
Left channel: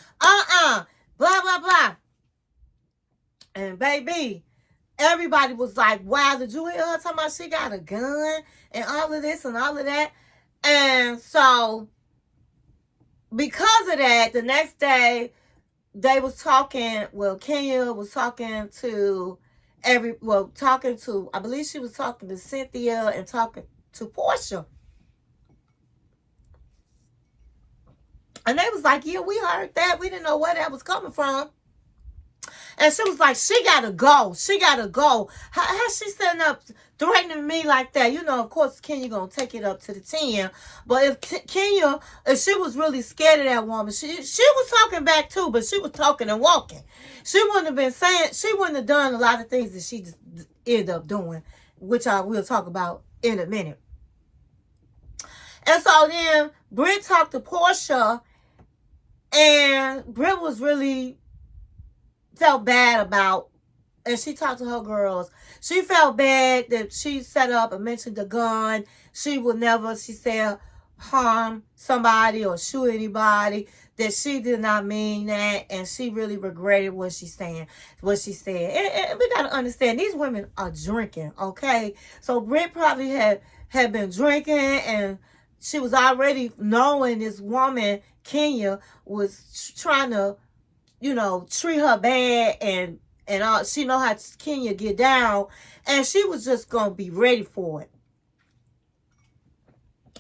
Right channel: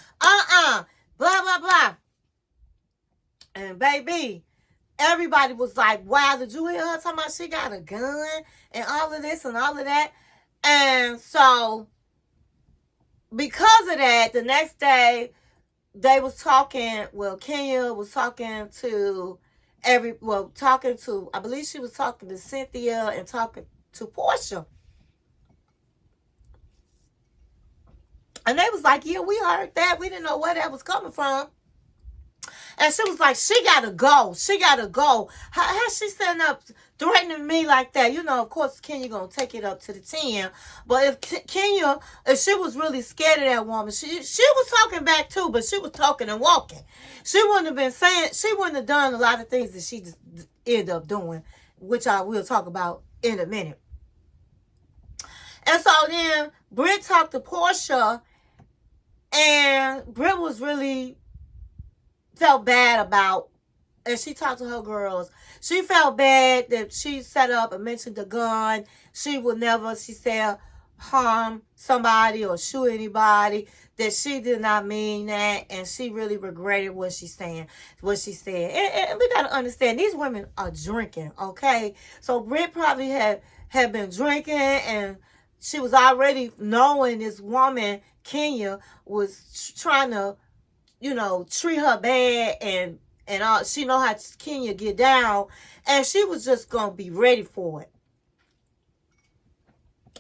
Blah, blah, blah. And baby, everybody was like, wow, did you hear her talking about she got a gun and all of this and all of that? And so, because of that, the next day, they was talking, well, Kenya was talking to I believe she was talking to Cynthia and talking to Porsha. And they was like, yeah, we heard that. We didn't know where that was coming from. And she was like, she got to go. She got to go. How she sitting up threatening me like that? You know, of course, Kenya going to take it up to the 10. But if she was really scared of that woman, she was talking back too, but she was talking and walking. She wouldn't have done a lot of things that she just ended up doing, which I will talk about in a minute. And so then Brit talked to Porsha, and Brit was really felt bad about, and she talked to her girls. She felt bad that she set up and mentioned the gun. She would never, she said, harm somebody or shoot anybody. That she did not mean that, and she really regretted what she said. And we gotta understand, these women are drinking, okay? So Brit probably had been drinking, and she was already knowing this woman, Kenya, was trying to, you know, treat her bad, and all. She know how Kenya get down, and she was just gonna be ready for it.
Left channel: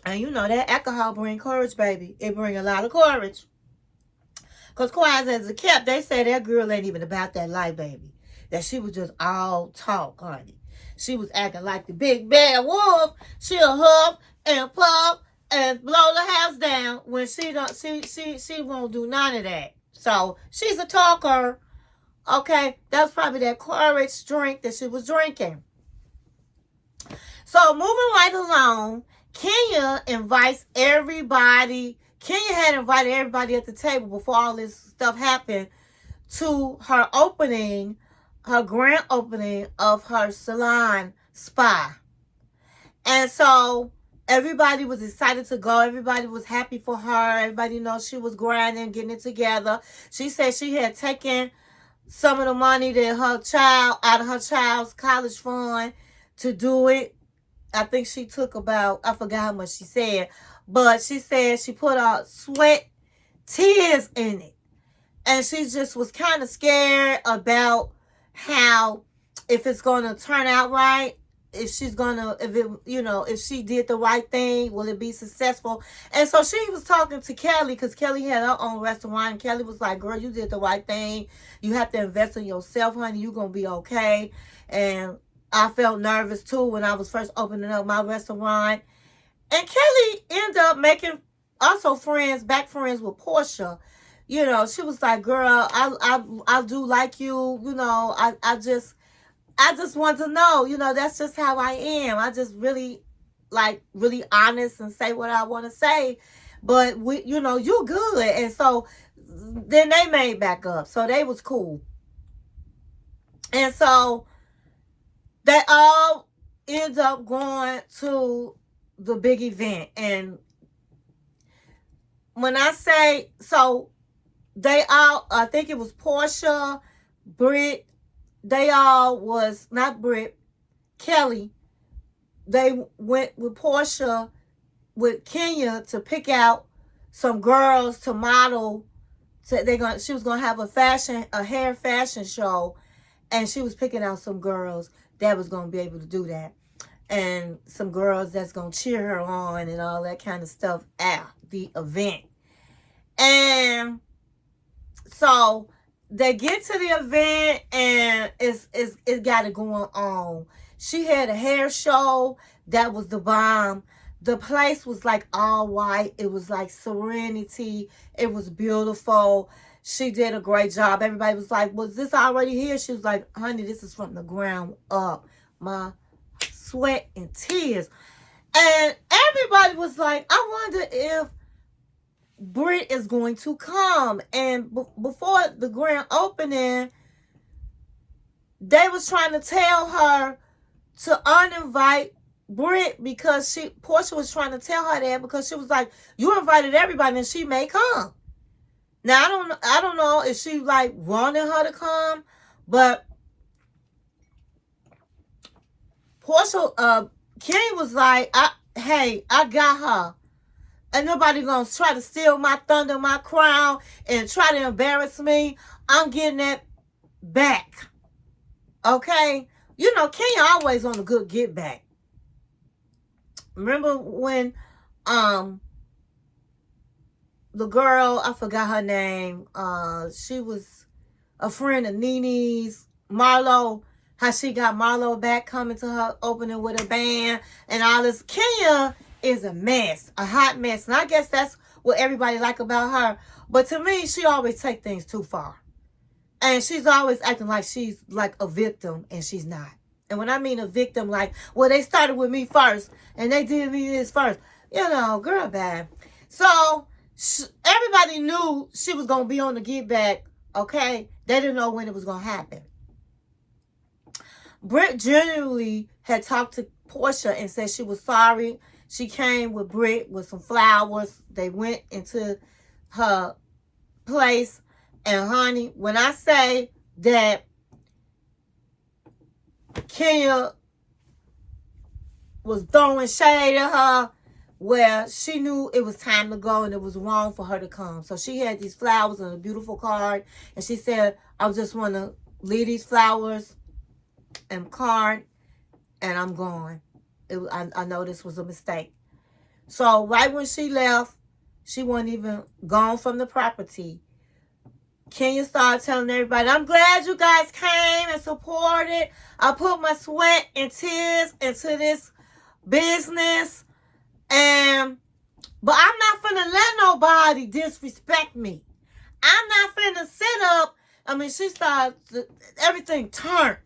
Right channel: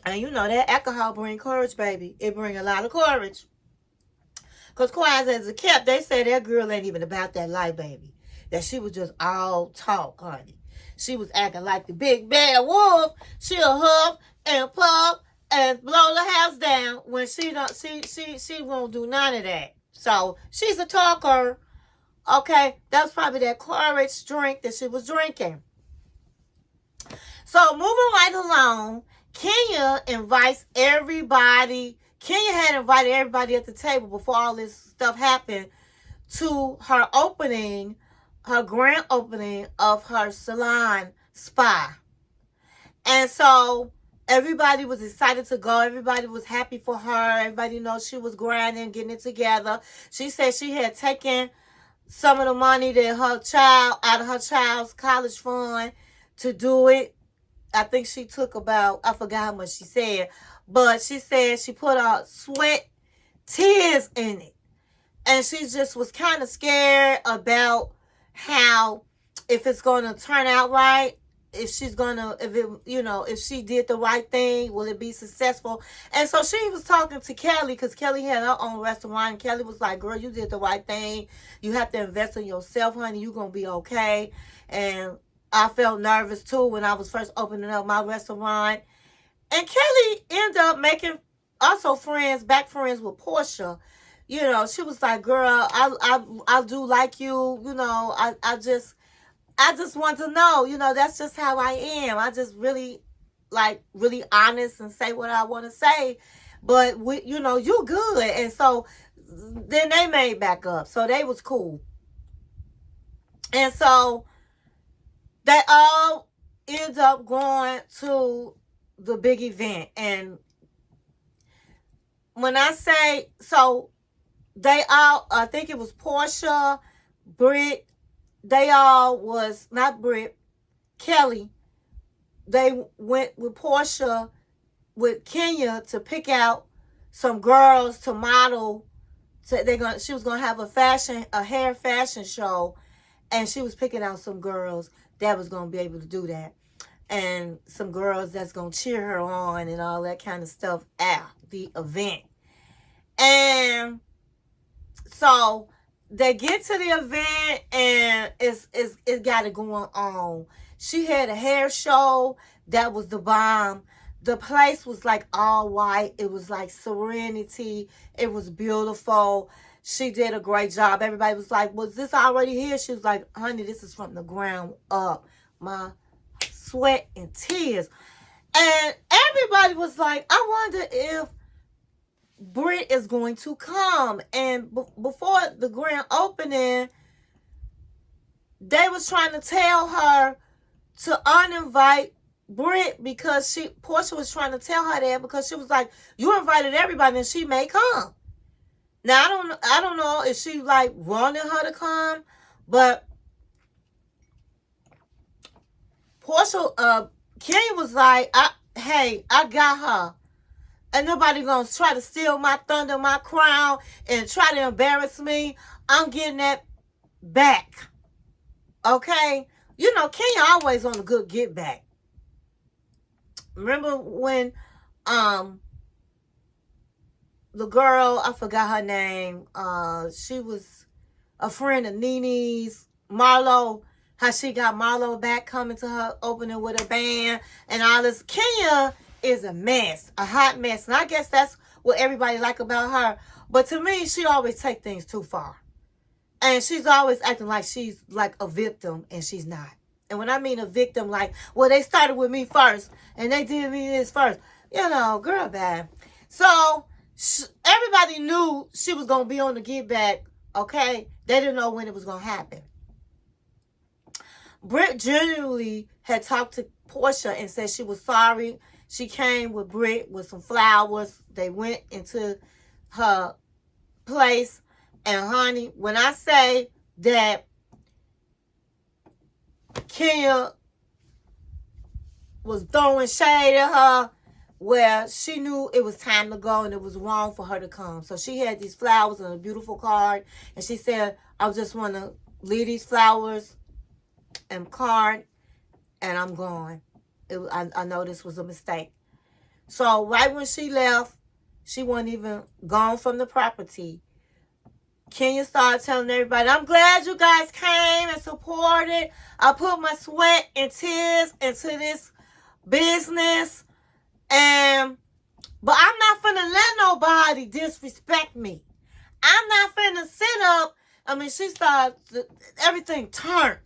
And you know that alcohol bring courage, baby. It bring a lot of courage. Because quiet as a kept, they say that girl ain't even about that life, baby. That she was just all talk, honey. She was acting like the big bad wolf. She'll huff and puff and blow the house down when she won't do none of that. So she's a talker. Okay, that's probably that courage drink that she was drinking. So moving right along, Kenya invites everybody. Kenya had invited everybody at the table before all this stuff happened to her opening, her grand opening of her salon spa. And so everybody was excited to go. Everybody was happy for her. Everybody knows she was grinding, getting it together. She said she had taken some of the money that out of her child's college fund to do it. I think she took about, I forgot how much she said, but she said she put out sweat, tears in it. And she just was kind of scared about how, if it's going to turn out right, if she did the right thing, will it be successful? And so she was talking to Kelli, because Kelli had her own restaurant. And Kelli was like, girl, you did the right thing. You have to invest in yourself, honey. You're going to be okay. And I felt nervous too when I was first opening up my restaurant. And Kelli ended up making also back friends with Porsha. you know, she was like, girl, I do like you. You know, I just want to know, you know, that's just how I am. I just really honest and say what I want to say. But we, you know, you good. And so then they made back up. So they was cool. And so they all end up going to the big event. And when I say, so they all, I think it was Porsha, Brit, they all was, not Brit, Kelli. They went with Porsha, with Kenya, to pick out some girls to model. So she was gonna have a hair fashion show, and she was picking out some girls that was gonna be able to do that, and some girls that's gonna cheer her on and all that kind of stuff at the event. And so they get to the event, and it got it going on. She had a hair show that was the bomb. The place was like all white. It was like serenity. It was beautiful. She did a great job. Everybody was like, was this already here? She was like, honey, this is from the ground up. My sweat and tears. And everybody was like, I wonder if Brit is going to come. And before the grand opening, they was trying to tell her to uninvite Brit, because Porsha was trying to tell her that, because she was like, you invited everybody and she may come. Now I don't know if she like wanted her to come, but Porsha, Kenny was like, hey, I got her. And nobody gonna try to steal my thunder, my crown, and try to embarrass me. I'm getting that back. Okay? You know, Kenya always on a good get back. Remember when the girl, I forgot her name, she was a friend of Nene's, Marlo, how she got Marlo back coming to her opening with a band and all this. Kenya is a mess, a hot mess. And I guess that's what everybody like about her. But to me, she always take things too far. And she's always acting like she's like a victim, and she's not. And when I mean a victim, like, well, they started with me first, and they did me this first. You know, girl bad. So everybody knew she was going to be on the get back, okay? They didn't know when it was going to happen. Brit genuinely had talked to Porsha and said she was sorry. She came with Brit with some flowers. They went into her place. And honey, when I say that Kenya was throwing shade at her, where she knew it was time to go and it was wrong for her to come. So she had these flowers and a beautiful card. And she said, I just want to leave these flowers and card, and I'm gone. I know this was a mistake. So right when she left, she wasn't even gone from the property. Kenya started telling everybody, I'm glad you guys came and supported. I put my sweat and tears into this business. But I'm not finna let nobody disrespect me. I'm not finna sit up. I mean, she started, everything turned.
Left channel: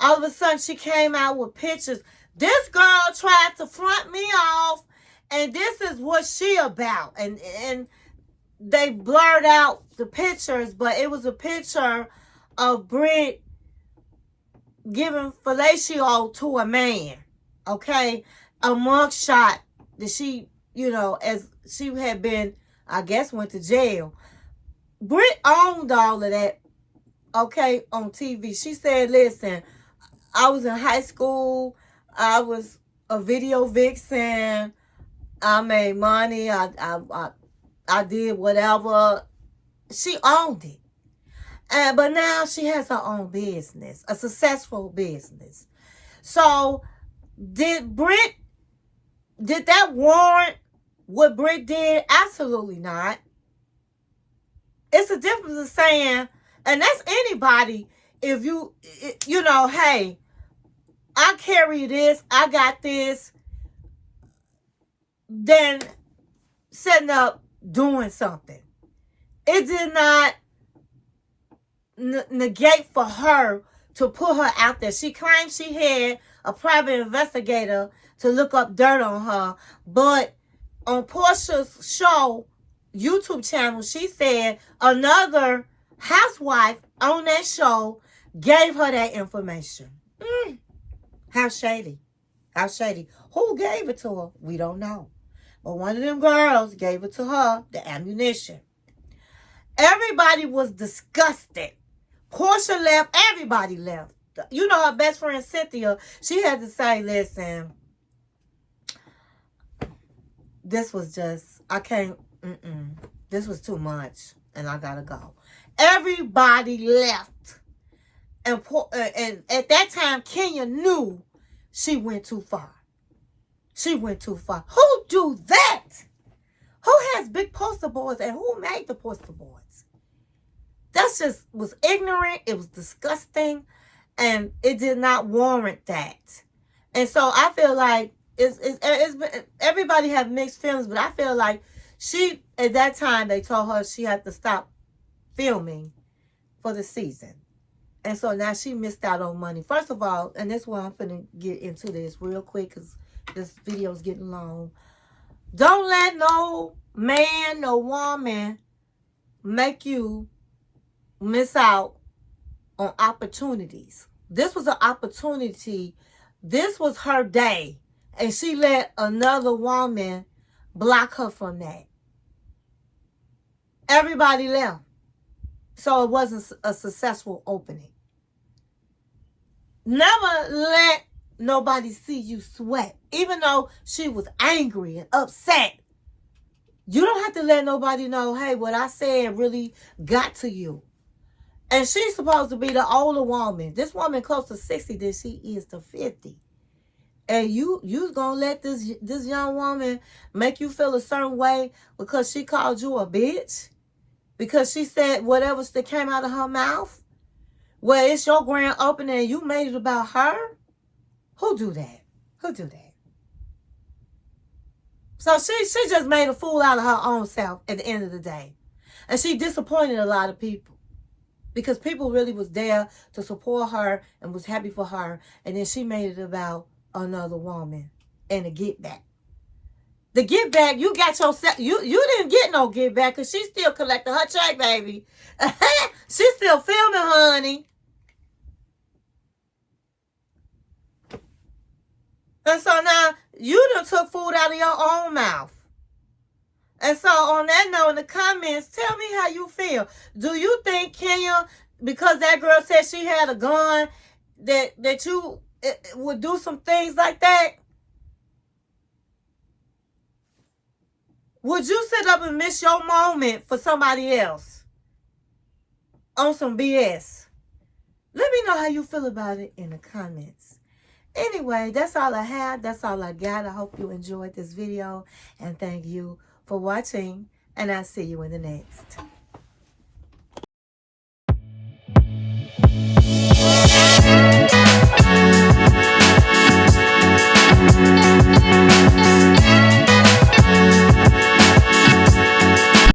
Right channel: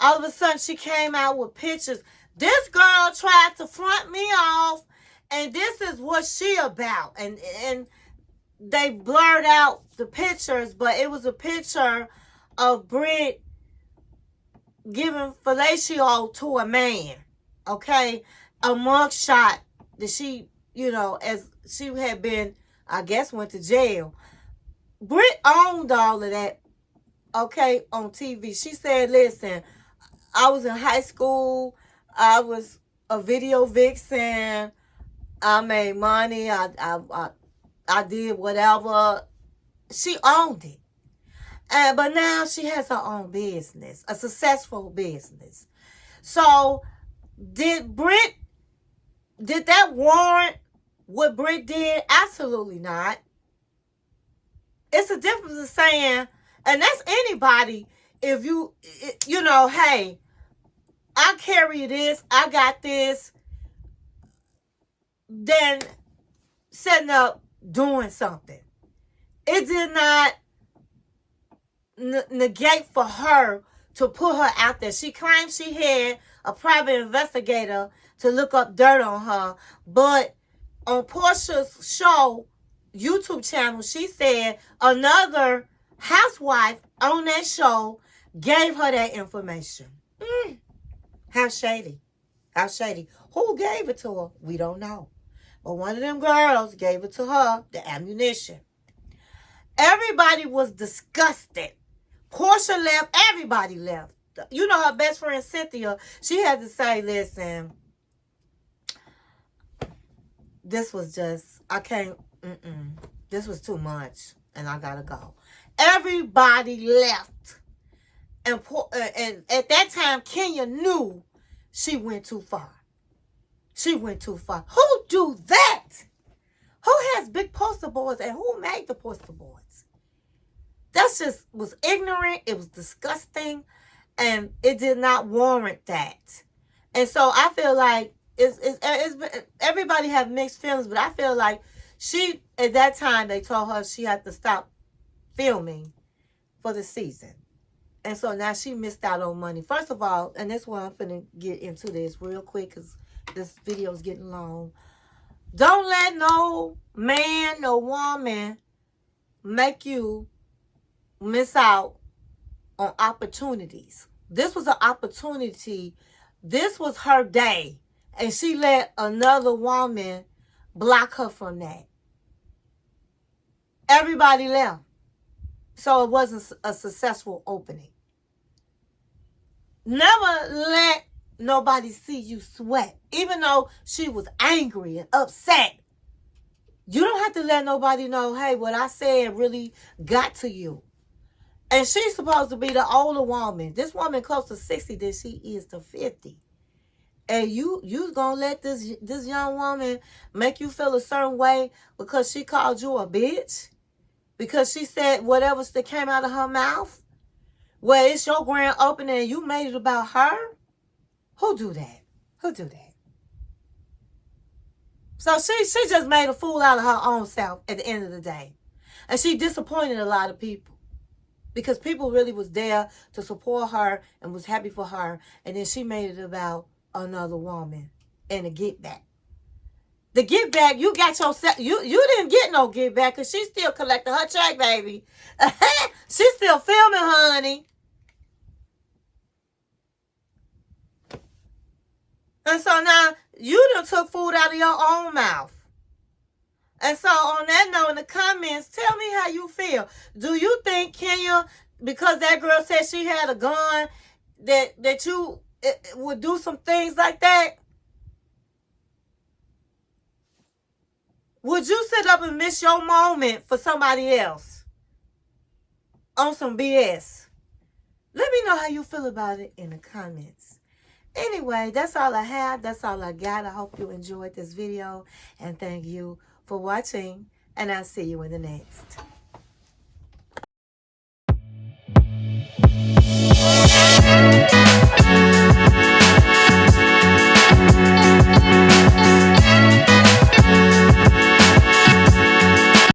All of a sudden, she came out with pictures. This girl tried to front me off, and this is what she about. And they blurred out the pictures, but it was a picture of Brit giving fellatio to a man, okay? A mugshot that she, you know, as she had been, I guess, went to jail. Brit owned all of that, okay, on TV. She said, listen, I was in high school. I was a video vixen. I made money. I did whatever. She owned it. But now she has her own business, a successful business. So did that warrant what Brit did? Absolutely not. It's a difference of saying, and that's anybody, if you know, hey, I carry this, I got this, then setting up doing something. it did not negate for her to put her out there. She claimed she had a private investigator to look up dirt on her, but on Porsha's show, YouTube channel, she said another housewife on that show gave her that information. How shady. How shady. Who gave it to her? We don't know. But one of them girls gave it to her, the ammunition. Everybody was disgusted. Porsha left. Everybody left. You know, her best friend, Cynthia, she had to say, listen, this was just, I can't, this was too much, and I gotta go. Everybody left. And at that time, Kenya knew she went too far. She went too far. Who do that? Who has big poster boards and who made the poster boards? That just was ignorant. It was disgusting. And it did not warrant that. And so I feel like everybody have mixed feelings, but I feel like she, at that time, they told her she had to stop filming for the season. And so now she missed out on money. First of all, and this one I'm going to get into this real quick because this video is getting long. Don't let no man, no woman make you miss out on opportunities. This was an opportunity. This was her day. And she let another woman block her from that. Everybody left. So it wasn't a successful opening. Never let nobody see you sweat. Even though she was angry and upset. You don't have to let nobody know, hey, what I said really got to you. And she's supposed to be the older woman. This woman close to 60 than she is to 50. And you's gonna let this young woman make you feel a certain way because she called you a bitch? Because she said whatever that came out of her mouth? Well, it's your grand opening and you made it about her? Who do that? Who do that? So she just made a fool out of her own self at the end of the day. And she disappointed a lot of people. Because people really was there to support her and was happy for her. And then she made it about another woman and a get back. The get back, you got yourself, you didn't get no get back because she's still collecting her check, baby. She's still filming, honey. And so now you done took food out of your own mouth. And so on that note, in the comments, tell me how you feel. Do you think Kenya, because that girl said she had a gun, that you would do some things like that? Would you sit up and miss your moment for somebody else on some BS? Let me know how you feel about it in the comments. Anyway, that's all I have. That's all I got. I hope you enjoyed this video. And thank you for watching. And I'll see you in the next.